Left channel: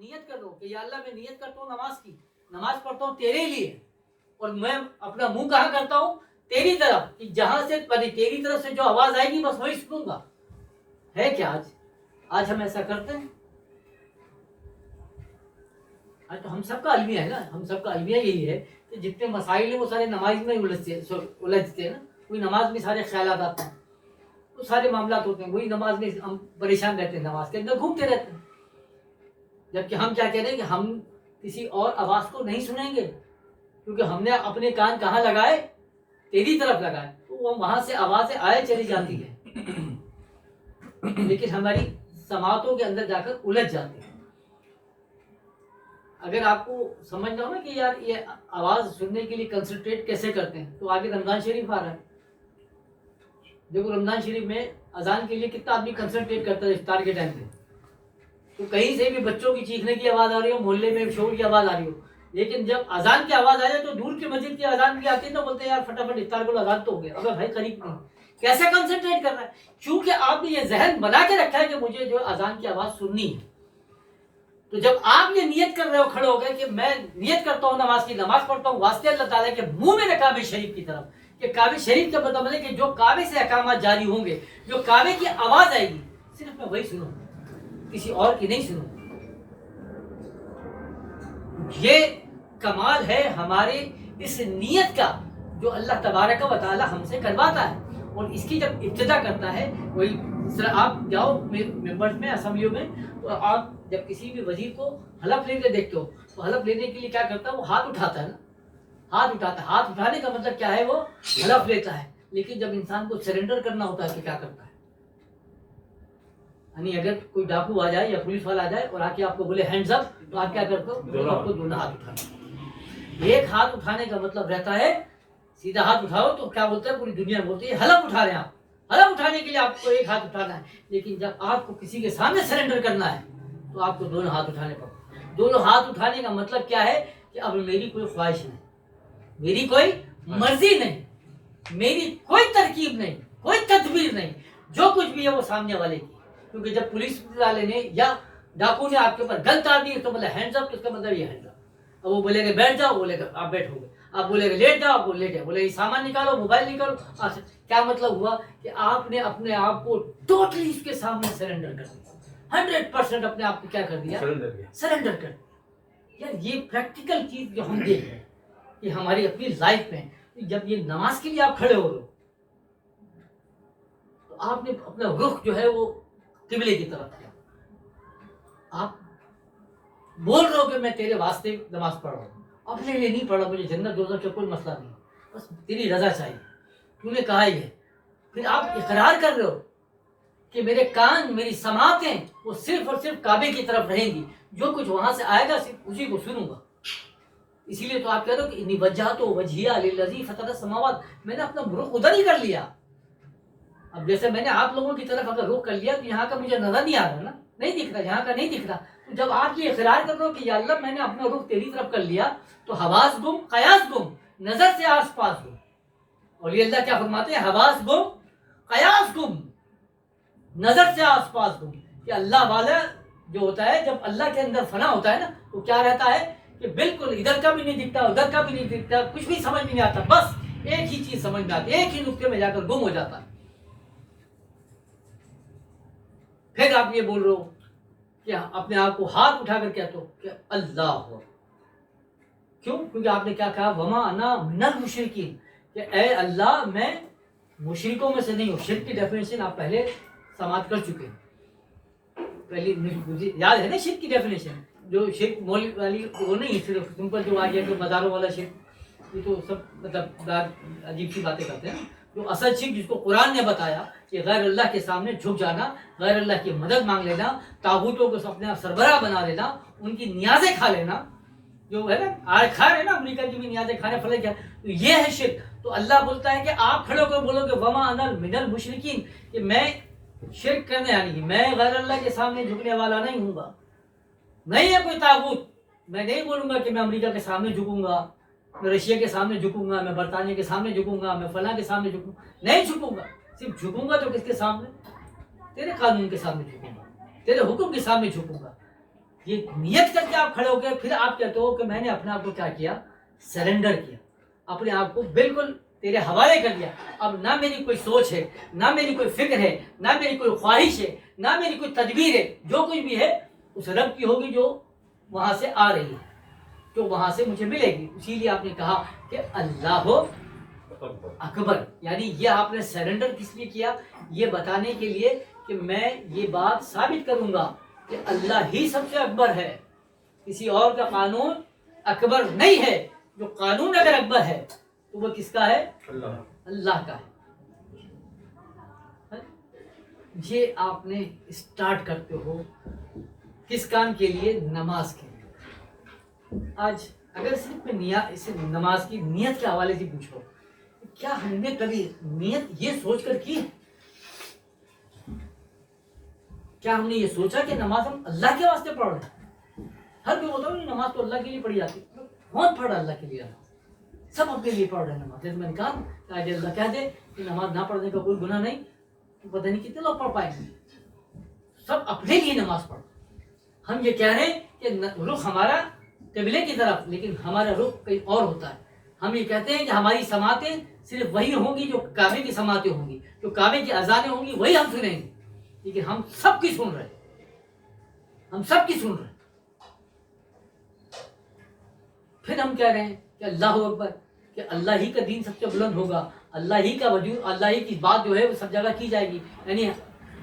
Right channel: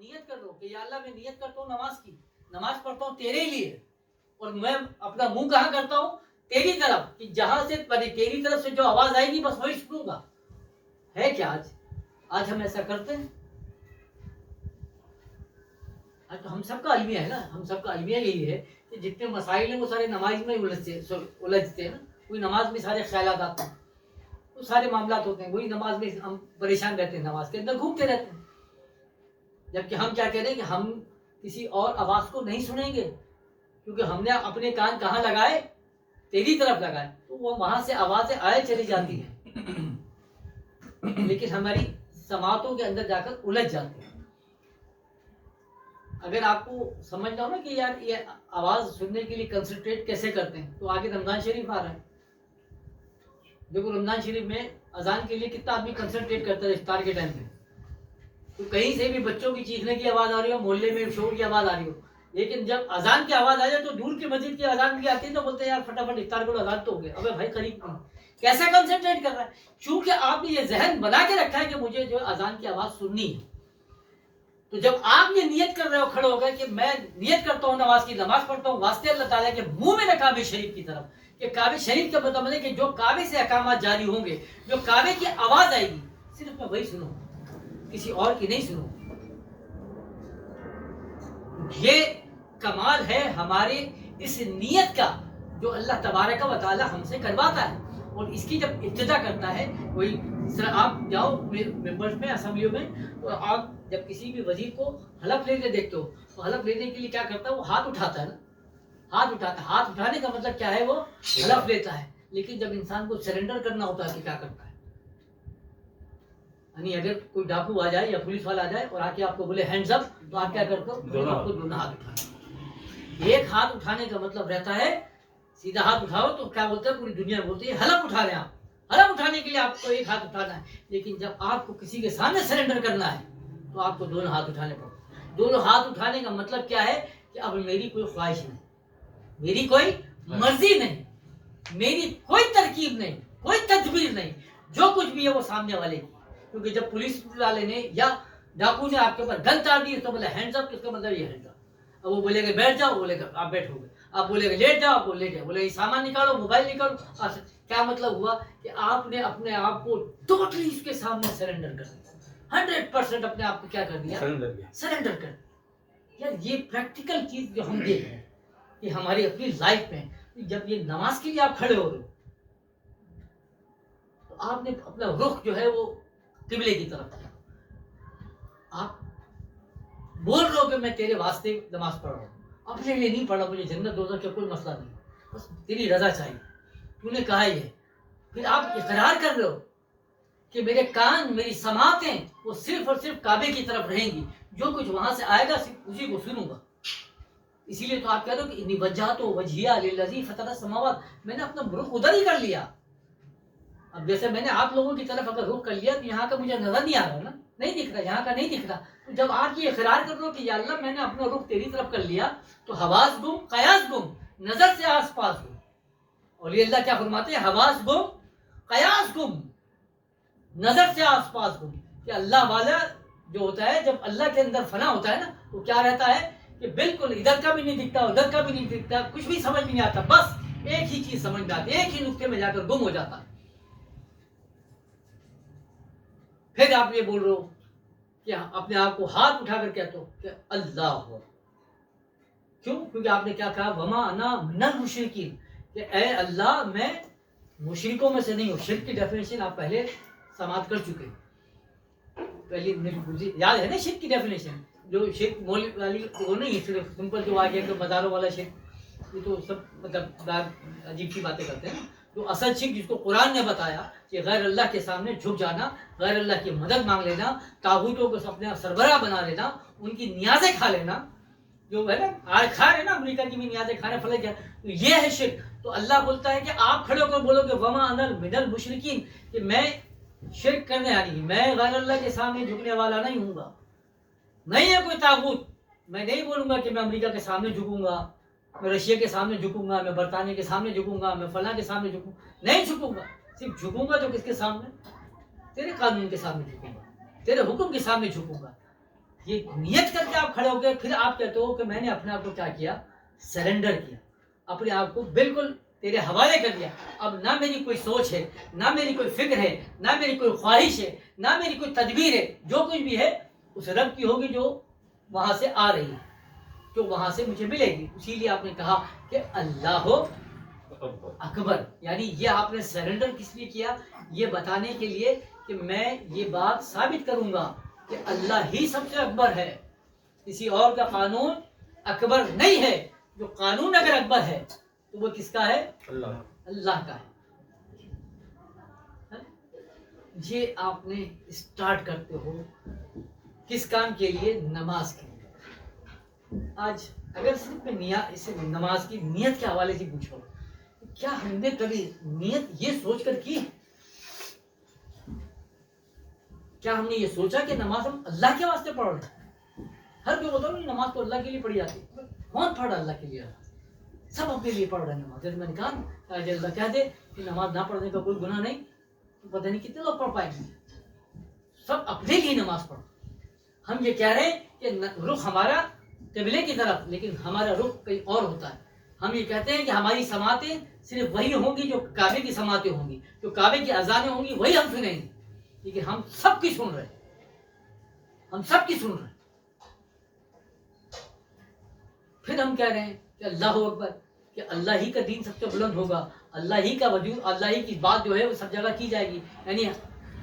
نیت کر لو کہ یا اللہ میں نیت کرتا ہوں نماز کی، نماز پڑھتا ہوں تیرے لیے، اور میں اپنا منہ کہاں کرتا ہوں؟ تیری طرف، کہ جہاں سے تیری طرف سے جو آواز آئے گی بس وہی سنوں گا۔ ہے کیا آج ہم ایسا کرتے ہیں؟ آج تو ہم سب کا المیہ ہے نا، ہم سب کا المیہ یہی ہے کہ جتنے مسائل ہیں وہ سارے نماز میں الجھتے ہیں نا، کوئی نماز میں سارے خیالات آتے ہیں، وہ سارے معاملات ہوتے ہیں، وہی نماز میں ہم پریشان رہتے ہیں، نماز کے اندر گھومتے رہتے ہیں، جبکہ ہم کیا کہہ رہے ہیں کہ ہم کسی اور آواز کو نہیں سنیں گے، کیونکہ ہم نے اپنے کان کہاں لگائے؟ تیری طرف لگائے، تو وہ وہاں سے آوازیں آئے چلی جاتی ہیں، لیکن ہماری سماعتوں کے اندر جا کر الجھ جاتی ہیں۔ اگر آپ کو سمجھنا ہو نا کہ یار یہ آواز سننے کے لیے کنسنٹریٹ کیسے کرتے ہیں، تو آگے رمضان شریف آ رہا ہے، دیکھو رمضان شریف میں اذان کے لیے کتنا آدمی کنسنٹریٹ کرتا ہے افطار کے ٹائم پہ، تو کہیں سے بھی بچوں کی چیخنے کی آواز آ رہی ہو، محلے میں شور کی آواز آ رہی ہو، لیکن جب اذان کی آواز آ جائے تو دور کی مسجد کی اذان بھی آتی ہے تو بولتے ہیں یار فٹافٹ افطار کو اذان تو ہو گیا، ابے بھائی قریب نہیں، کیسے کنسنٹریٹ کر رہا ہے؟ چونکہ آپ نے یہ ذہن بنا کے رکھا ہے کہ مجھے جو اذان کی آواز سننی ہے، تو جب آپ یہ نیت کر رہے ہو کھڑے ہو گئے کہ میں نیت کرتا ہوں نماز کی، نماز پڑھتا ہوں واسطے اللہ تعالیٰ کے منہ میں کعبہ شریف کی طرف، کہ کعبہ شریف کا مطلب ہے کہ جو کعبے سے احکامات جاری ہوں گے، جو کعبے کی آواز آئے گی صرف میں وہی سنوں، کسی اور کی نہیں سنوں۔ یہ کمال ہے ہمارے اس نیت کا جو اللہ تبارک و تعالی ہم سے کرواتا ہے، اور اس کی جب ابتدا کرتا ہے وہی آپ جاؤ ممبرز میں، اسمبلیوں میں، تو آپ جب کسی بھی وزیر کو حلف لیتے دیکھتے ہو تو حلف لینے کے لیے کیا کرتا ہے؟ وہ ہاتھ اٹھاتا ہے نا، ہاتھ اٹھاتا ہے، ہاتھ اٹھانے کا مطلب کیا ہے؟ وہ حلف لیتا ہے، لیکن جب انسان کو سرنڈر کرنا ہوتا ہے کہ کیا کرتا ہے؟ یعنی اگر کوئی ڈاکو آ جائے یا پولیس والا آ جائے اور آ کے آپ کو بولے ہینڈز اپ، تو آپ کیا کرتے ہو؟ آپ کو دونوں ہاتھ اٹھانا۔ ایک ہاتھ اٹھانے کا مطلب رہتا ہے سیدھا ہاتھ اٹھاؤ تو کیا بولتے ہیں؟ پوری دنیا بولتی ہے حلف اٹھا رہے ہیں آپ، حلف اٹھانے کے لیے آپ کو ایک ہاتھ اٹھانا ہے، لیکن جب آپ کو کسی کے سامنے سرنڈر کرنا ہے تو آپ کو دونوں ہاتھ اٹھانے پڑتے ہیں۔ دونوں ہاتھ اٹھانے کا مطلب کیا ہے؟ کہ اب میری کوئی خواہش نہیں، میری کوئی مرضی نہیں، میری کوئی ترکیب نہیں، کوئی تدبیر نہیں، جو کچھ بھی ہے وہ سامنے والے کی، کیونکہ جب پولیس والے نے یا ڈاکو نے آپ کے اوپر گن تار دی تو مطلب ہینڈز اپ، اس کا مطلب یہ ہینڈز اپ۔ اب وہ بولے گا بیٹھ جاؤ، بولے گا آپ بیٹھو گے، آپ بولے گا لیٹ جاؤ، آپ کو لیٹ جاؤ، بولے گا سامان نکالو، موبائل نکالو، کیا مطلب ہوا؟ کہ آپ نے اپنے آپ کو ٹوٹلی اس کے سامنے سرنڈر کر دیا، 100% اپنے آپ کو کیا کر دیا؟ سرنڈر کر دیا۔ یار یہ پریکٹیکل چیز جو ہم دیکھ رہے ہیں کہ ہماری اپنی لائف میں، جب یہ نماز کے لیے آپ کھڑے ہو رہے ہو تو آپ نے اپنا رخ جو ہے وہ قبلے کی طرف کیا، آپ بول رہے ہو کہ میں تیرے واسطے نماز پڑھ رہا ہوں، اپنے لیے نہیں پڑھا، مجھے جنت دوزخ کا کوئی مسئلہ نہیں، بس تیری رضا چاہیے، تو نے کہا یہ، پھر آپ اقرار کر رہے ہو کہ میرے کان، میری سماعتیں وہ صرف اور صرف کعبے کی طرف رہیں گی، جو کچھ وہاں سے آئے گا صرف اسی کو سنوں گا۔ اسی لیے تو آپ کہہ رہے ہو کہ انی وجہت وجہیہ للذی فطر السماوات، میں نے اپنا رخ ادھر ہی کر لیا۔ اب جیسے میں نے آپ لوگوں کی طرف اگر رخ کر لیا تو یہاں کا مجھے نظر نہیں آ رہا نا، نہیں دکھ رہا، یہاں کا نہیں دکھ رہا، تو جب آپ یہ اقرار کر رہے ہو کہ یا اللہ میں نے اپنا رخ تیری طرف کر لیا، تو حواس گم، قیاس گم، نظر سے آس پاس گم، اور یہ اللہ کیا فرماتے ہیں؟ حواس گم، قیاس گم، نظر سے آس پاس گم، کہ اللہ والا جو ہوتا ہے جب اللہ کے اندر فنا ہوتا ہے نا تو کیا رہتا ہے کہ بالکل ادھر کا بھی نہیں دکھتا، ادھر کا بھی نہیں دکھتا، کچھ بھی سمجھ میں نہیں آتا، بس ایک ہی چیز سمجھ میں آتی ہے، ایک ہی نقطے میں جا کر گم ہو جاتا ہے۔ پھر آپ یہ بول رہے ہو کہ اپنے آپ کو ہاتھ اٹھا کر کہتے ہو کہ اللہ ہو، کیوں؟ کیونکہ آپ نے کیا کہا؟ وما انا من المشرکین، کہ اے اللہ میں مشرکوں میں سے نہیں ہوں۔ شرک کی ڈیفینیشن آپ پہلے سماعت کر چکے ہیں، پہلی مجھے یاد ہے نا شرک کی ڈیفینیشن، جو شرک مول والی وہ نہیں صرف سمپل جو آ گیا کہ مزاروں والا شرک، یہ تو سب مطلب عجیب سی باتیں کرتے ہیں، جو اصل شرک جس کو قرآن نے بتایا کہ غیر اللہ کے سامنے جھک جانا، غیر اللہ کی مدد مانگ لینا، طاغوتوں کو اپنے سربراہ بنا لینا، ان کی نیازیں کھا لینا، جو ہے نا آج کھا رہے نا امریکہ کی بھی نیازیں کھا رہے فلک، تو یہ ہے شرک۔ تو اللہ بولتا ہے کہ آپ کھڑے ہو کر بولو کہ وما انا من المشرکین، کہ میں شرک کرنے یعنی کہ میں غیر اللہ کے سامنے جھکنے والا نہیں ہوں گا، نہیں ہے کوئی طاغوت، میں نہیں بولوں گا کہ میں امریکہ کے سامنے جھکوں گا، میں رشیا کے سامنے جھکوں گا، میں برطانیہ کے سامنے جھکوں گا، میں فلاں کے سامنے جھکوں گا، نہیں جھکوں گا، صرف جھکوں گا تو کس کے سامنے؟ تیرے قانون کے سامنے جھکوں گا، تیرے حکم کے سامنے جھکوں گا۔ یہ نیت کر کے آپ کھڑے ہو گئے، پھر آپ کہتے ہو کہ میں نے اپنے آپ کو کیا کیا، سرنڈر کیا، اپنے آپ کو بالکل تیرے حوالے کر دیا. اب نہ میری کوئی سوچ ہے، نہ میری کوئی فکر ہے، نہ میری کوئی خواہش ہے، نہ میری کوئی تدبیر ہے، جو کچھ بھی ہے اس رب کی ہوگی جو وہاں سے آ رہی ہے، جو وہاں سے مجھے ملے گی. اسی لیے آپ نے کہا کہ اللہ اکبر، یعنی یہ آپ نے سرنڈر کس لیے کیا؟ یہ بتانے کے لیے کہ میں یہ بات ثابت کروں گا کہ اللہ ہی سب سے اکبر ہے، کسی اور کا قانون اکبر نہیں ہے. جو قانون اگر اکبر ہے تو وہ کس کا ہے؟ اللہ کا ہے. یہ آپ نے اسٹارٹ کرتے ہو کس کام کے لیے؟ نماز کے لیے. آج اگر صرف میں نماز کی نیت کے حوالے سے پوچھو، کیا ہم نے کبھی نیت یہ سوچ کر کی؟ کیا ہم نے یہ سوچا کہ نماز ہم اللہ کے واسطے پڑھ رہے ہیں؟ ہر کوئی بولتا ہے نماز تو اللہ کے لیے پڑھی جاتی ہے. کون پڑھ رہا اللہ کے لیے؟ سب اپنے لیے پڑھ رہے ہیں نماز. جیسے میں نے کہا کہ آج اللہ کہہ دے کہ نماز نہ پڑھنے کا کوئی گناہ نہیں، تو پتہ نہیں کتنے لوگ پڑھ پائیں گے. سب اپنے لیے نماز پڑھو. ہم یہ کہہ رہے ہیں کہ رخ ہمارا قبلے کی طرف، لیکن ہمارا رخ کہیں اور ہوتا ہے. ہم یہ کہتے ہیں کہ ہماری سماعتیں صرف وہی ہوں گی جو کعبے کی سماعتیں ہوں گی، جو کعبے کی اذانیں ہوں گی وہی ہم سنیں گے. لیکن ہم سب کی سن رہے ہیں، ہم سب کی سن رہے ہیں. پھر ہم کہہ رہے ہیں کہ اللہ اکبر، کہ اللہ ہی کا دین سب سے بلند ہوگا، اللہ ہی کا وجود، اللہ ہی کی بات جو ہے وہ سب جگہ کی جائے گی. یعنی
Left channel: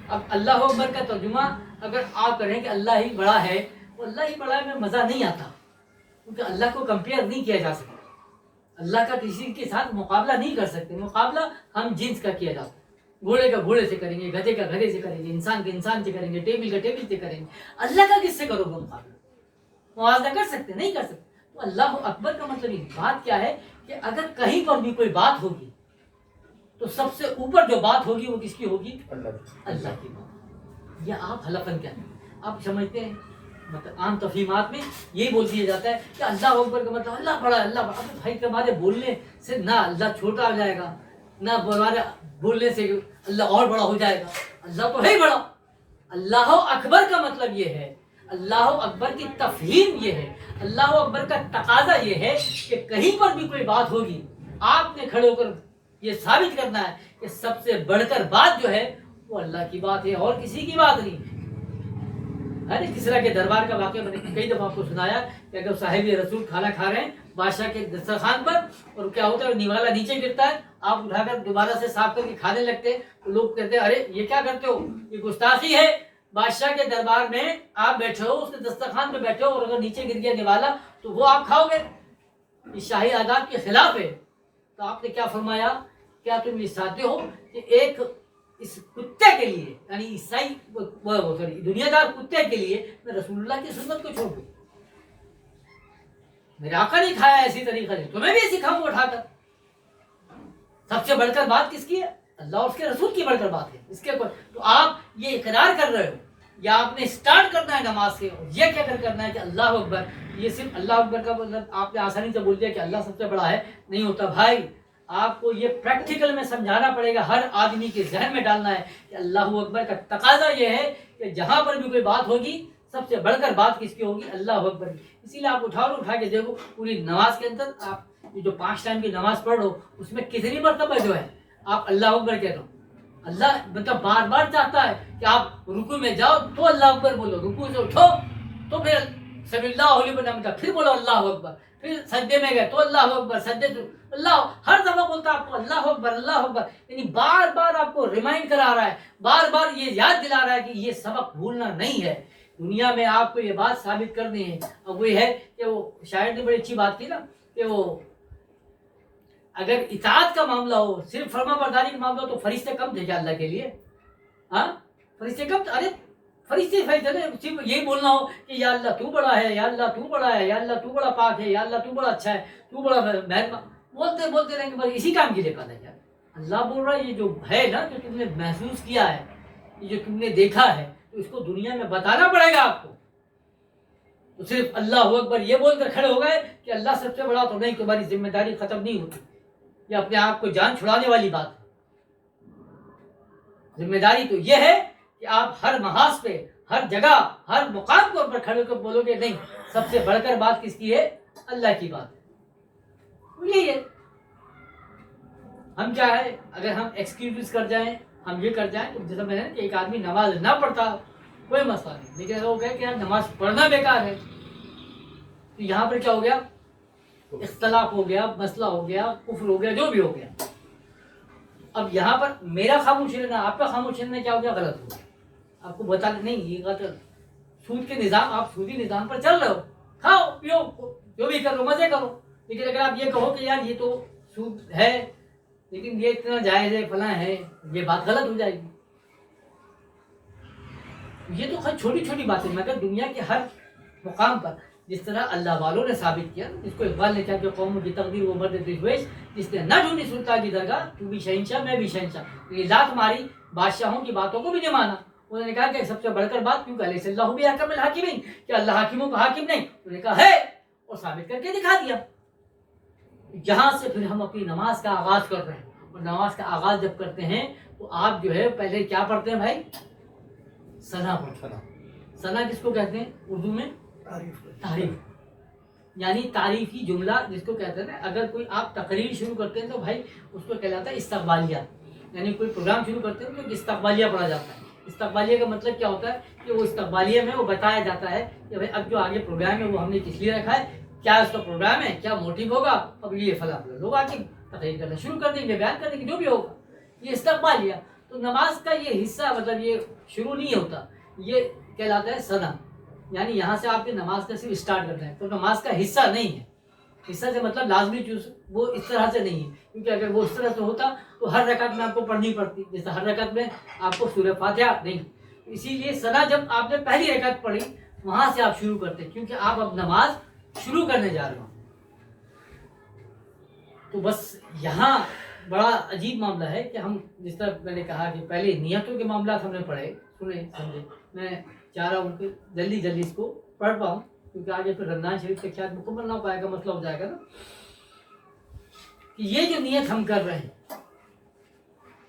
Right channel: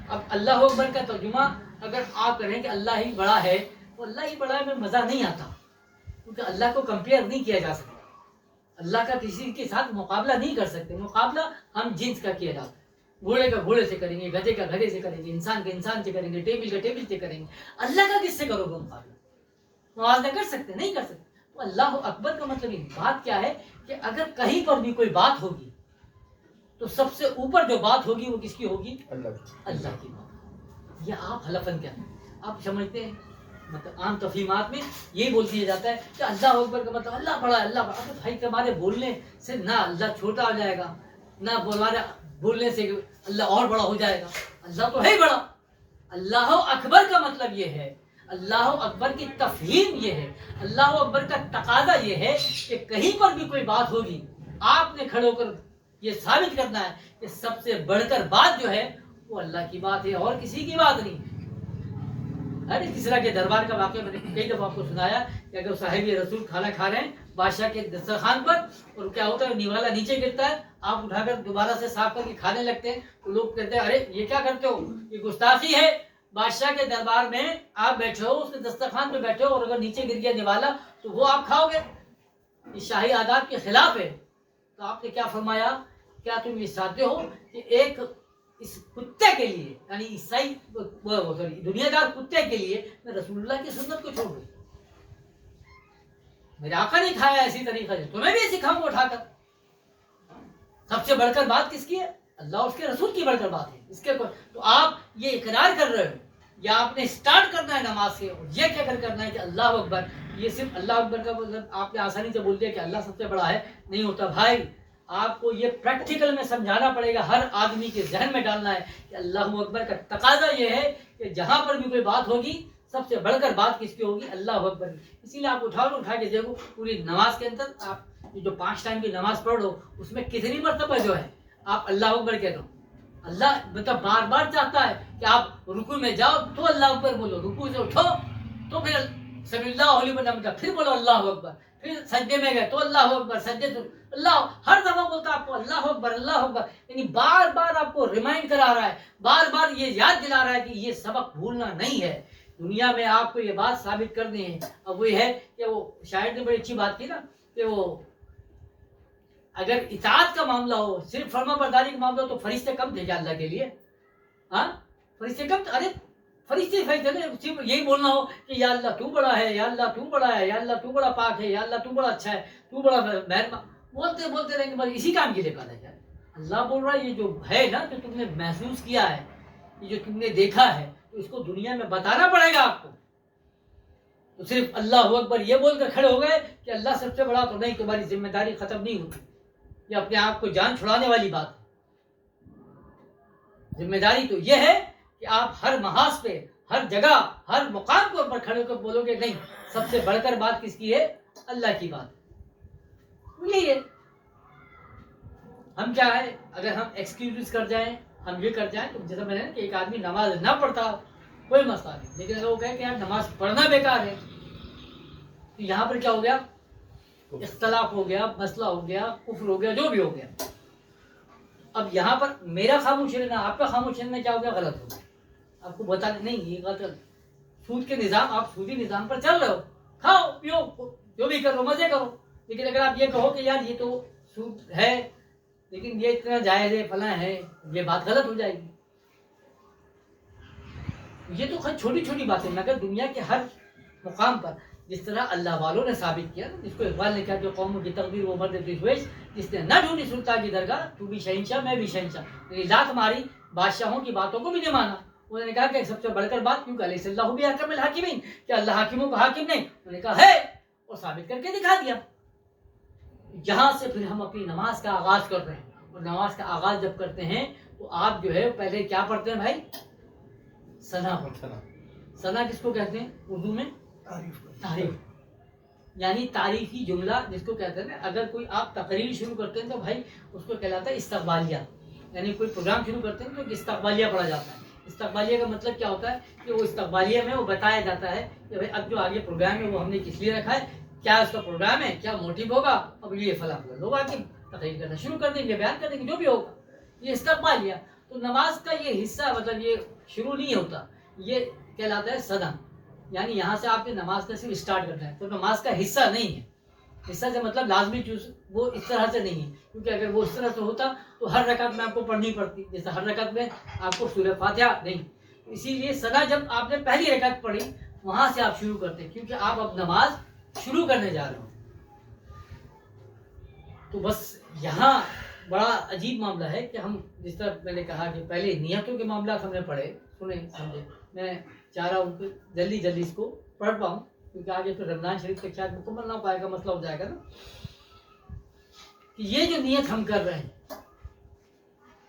اب اللہ اکبر کا ترجمہ اگر آپ کریں کہ اللہ ہی بڑا ہے، تو اللہ ہی بڑا ہے میں مزہ نہیں آتا، کیونکہ اللہ کو کمپیئر نہیں کیا جا سکتا. اللہ کا کسی کے ساتھ مقابلہ نہیں کر سکتے. مقابلہ ہم جنس کا کیا جاتا ہے. گھوڑے کا گھوڑے سے کریں گے، گدھے کا گدھے سے کریں گے، انسان کا انسان سے کریں گے، ٹیبل کا ٹیبل سے کریں گے. اللہ کا کس سے کرو گے مقابلہ؟ موازنہ کر سکتے؟ نہیں کر سکتے. تو اللہ اکبر کا مطلب یہ بات کیا ہے کہ اگر کہیں پر بھی کوئی بات ہوگی تو سب سے اوپر جو بات ہوگی وہ کس کی ہوگی؟ اللہ کی بات. یہ آپ حلفاً کیا آپ سمجھتے ہیں؟ مطلب عام تفہیمات میں یہی بول دیا جاتا ہے کہ اللہ اکبر کا مطلب اللہ بڑا ہے، اللہ بڑا. اب بھائی ہمارے بولنے سے نہ اللہ چھوٹا ہو جائے گا، نہ ہمارے بولنے سے اللہ اور بڑا ہو جائے گا. اللہ تو ہے ہی بڑا. اللہ اکبر کا مطلب یہ ہے، اللہ اکبر کی تفہیم یہ ہے، اللہ اکبر کا تقاضا یہ ہے کہ کہیں پر بھی کوئی بات ہوگی آپ نے کھڑے ہو کر یہ ثابت کرنا ہے کہ سب سے بڑھ کر بات جو ہے وہ اللہ کی بات ہے اور کسی کی بات نہیں. ارے کسرا کے دربار کا واقعہ میں نے کئی دفعہ آپ کو سنایا کہ اگر صاحب رسول کھانا کھا رہے ہیں بادشاہ کے دسترخوان پر، اور کیا ہوتا ہے نوالا نیچے گرتا ہے، آپ اٹھا کر دوبارہ سے صاف کر کے کھانے لگتے ہیں، تو لوگ کہتے ہیں ارے یہ کیا کرتے ہو، یہ گستاخی ہے. بادشاہ کے دربار میں آپ بیٹھے ہو، اس کے دسترخوان پہ بیٹھے ہو، اور اگر نیچے گر گیا نوالا تو وہ آپ کھاؤ گے. یہ شاہی آداب کے خلاف ہے. تو آپ نے کیا فرمایا؟ کیا تم یہ چاہتے ہو کہ ایک اس کتے کے لیے، یعنی عیسائی دنیا دار کتے کے لیے میں رسول اللہ کی سنت کو چھوڑ دوں؟ میرے آقا نہیں کھایا ایسی طریقے سے، تمہیں بھی سکھاؤں اٹھا کر. سب سے بڑھ کر بات کس کی ہے؟ اللہ اور اس کے رسول کی بڑھ کر بات ہے. اس کے تو آپ یہ اقرار کر رہے ہو، یا آپ نے اسٹارٹ کرنا ہے نماز سے، یہ کیا کر کرنا ہے کہ اللہ اکبر. یہ صرف اللہ اکبر کا مطلب آپ نے آسانی سے بول دیا کہ اللہ سب سے بڑا ہے، نہیں ہوتا بھائی. آپ کو یہ پریکٹیکل میں سمجھانا پڑے گا، ہر آدمی کے ذہن میں ڈالنا ہے کہ اللہ اکبر کا تقاضا یہ ہے کہ جہاں پر بھی کوئی بات ہوگی سب سے بڑھ کر بات کس کی ہوگی؟ اللہ اکبر کی. اسی لیے آپ اٹھا کے دیکھو پوری نماز کے اندر آپ جو 5 ٹائم کی نماز پڑھ رہو اس میں کتنی مرتبہ جو ہے آپ اللہ اکبر کہہ دو. اللہ مطلب بار بار چاہتا ہے کہ آپ رکوع میں جاؤ تو اللہ اکبر بولو، رکوع سے اٹھو تو پھر سمی اللہ علیہ وسلم کا پھر بولو اللہ اکبر، پھر سجدے میں گئے تو اللہ اکبر، سجدے تو اللہ، ہر دفعہ بولتا آپ کو اللہ اکبر اللہ اکبر. یعنی بار بار آپ کو ریمائنڈ کرا رہا ہے، بار بار یہ یاد دلا رہا ہے کہ یہ سبق بھولنا نہیں ہے. دنیا میں آپ کو یہ بات ثابت کرنی ہے. اب وہ ہے کہ وہ شاعر نے بڑی اچھی بات کی نا کہ وہ اگر اطاعت کا معاملہ ہو، صرف فرما برداری کا معاملہ ہو تو فرشتے کم تھے کیا اللہ کے لیے؟ ہاں فرشتے کم تھے؟ ارے فرشتے صرف یہی بولنا ہو کہ یا اللہ تو بڑا ہے، یا اللہ تو بڑا ہے، یا اللہ تو بڑا پاک ہے، یا اللہ تو بڑا اچھا ہے، تو بڑا مہربان، بولتے رہیں گے بس اسی کام کے لیے پیدا کیا. اللہ بول رہا ہے یہ جو ہے نا، جو تم نے محسوس کیا ہے، یہ جو تم نے دیکھا ہے، تو اس کو دنیا میں بتانا پڑے گا آپ کو. تو صرف اللہ اکبر یہ بول کر کھڑے ہو گئے کہ اللہ سب سے بڑا تو نہیں، تمہاری ذمہ داری ختم نہیں ہوتی. یہ اپنے آپ کو جان چھڑانے والی بات ہے. ذمہ داری تو یہ ہے کہ آپ ہر محاذ پہ، ہر جگہ ہر مقام کے اوپر کھڑے ہو کر بولو گے نہیں سب سے بڑھ کر بات کس کی ہے؟ اللہ کی بات ہے. یہی ہے. ہم کیا ہے اگر ہم ایکسکیوز کر جائیں ہم یہ کر جائیں تو جیسا میں نے کہ ایک آدمی نماز نہ پڑھتا کوئی مسئلہ نہیں, لیکن اگر وہ کہے کہ یار نماز پڑھنا بیکار ہے تو یہاں پر کیا ہو گیا؟ اختلاف ہو گیا, مسئلہ ہو گیا, کفر ہو گیا, جو بھی ہو گیا. اب یہاں پر میرا خاموش رہنا آپ کا خاموش رہنا کیا ہو گیا؟ غلط ہو گیا. آپ کو بتا نہیں یہ غلط. سود کے نظام آپ سودی نظام پر چل رہے ہو, کھاؤ پیو جو بھی کرو مزے کرو, لیکن اگر آپ یہ کہو کہ یار یہ تو سود ہے لیکن یہ اتنا جائز ہے فلاں ہے, یہ بات غلط ہو جائے گی. یہ تو چھوٹی چھوٹی باتیں مگر دنیا کے ہر مقام پر جس طرح اللہ والوں نے ثابت کیا, جس کو اقبال نے کہا کہ قوموں کی تقدیر وہ مرد درویش جس نے نہ ڈھونڈی سلطان کی درگاہ تو بھی شہنشاہ میں بھی شہنشاہ, لات ماری بادشاہوں کی باتوں کو بھی نہیں مانا. انہوں نے کہا کہ سب سے بڑھ کر بات کیوں کہ علیہ اللہ بھی حکم الحاکمین, کہ اللہ حاکموں کا حاکم نہیں, انہوں نے کہا ہے اور ثابت کر کے دکھا دیا. یہاں سے پھر ہم اپنی نماز کا آغاز کر رہے ہیں, اور نماز کا آغاز جب کرتے ہیں تو آپ جو ہے پہلے کیا پڑھتے ہیں بھائی؟ ثنا پڑھتے ہیں. ثنا کس کو کہتے ہیں اردو میں؟ تعریف. یعنی تعریفی جملہ جس کو کہتے ہیں نا, اگر کوئی آپ تقریر شروع کرتے ہیں تو بھائی اس کو کہلاتا ہے استقبالیہ. یعنی کوئی پروگرام شروع کرتے ہیں تو استقبالیہ پڑھا جاتا ہے. استقبالیہ کا مطلب کیا ہوتا ہے کہ وہ استقبالیہ میں وہ بتایا جاتا ہے کہ بھائی اب جو آگے پروگرام ہے وہ ہم نے کس لیے رکھا ہے, کیا اس کا پروگرام ہے, کیا موٹیو ہوگا, اب یہ فلاں لوگ آ کے تقریر کرنا شروع کر دیں گے, بیان کر دیں گے, جو بھی ہوگا. یہ استقبالیہ. تو نماز کا یہ حصہ مطلب یہ شروع نہیں ہوتا, یہ کہلاتا ہے ثنا. یعنی یہاں سے آپ کی نماز کا صرف اسٹارٹ کرنا ہے, تو نماز کا حصہ نہیں ہے. حصہ سے مطلب لازمی چیز وہ اس طرح سے نہیں ہے, کیونکہ اگر وہ اس طرح سے ہوتا تو ہر رکعت میں آپ کو پڑھنی پڑتی, جیسے ہر رکعت میں آپ کو سورہ فاتحہ نہیں. اسی لیے ثنا جب آپ نے پہلی رکعت پڑھی وہاں سے آپ شروع کرتے, کیونکہ آپ اب نماز شروع کرنے جا رہے ہو. تو بس یہاں بڑا عجیب معاملہ ہے کہ ہم جس طرح میں نے کہا کہ پہلے نیتوں کے معاملات ہم نے پڑھے سنے سمجھے. میں چاہ رہا ہوں کہ جلدی جلدی اس کو پڑھ پاؤں, کیونکہ آگے پھر رمضان شریف تک شاید مکمل نہ ہو پائے گا, مسئلہ ہو جائے گا نا. کہ یہ جو نیت ہم کر رہے ہیں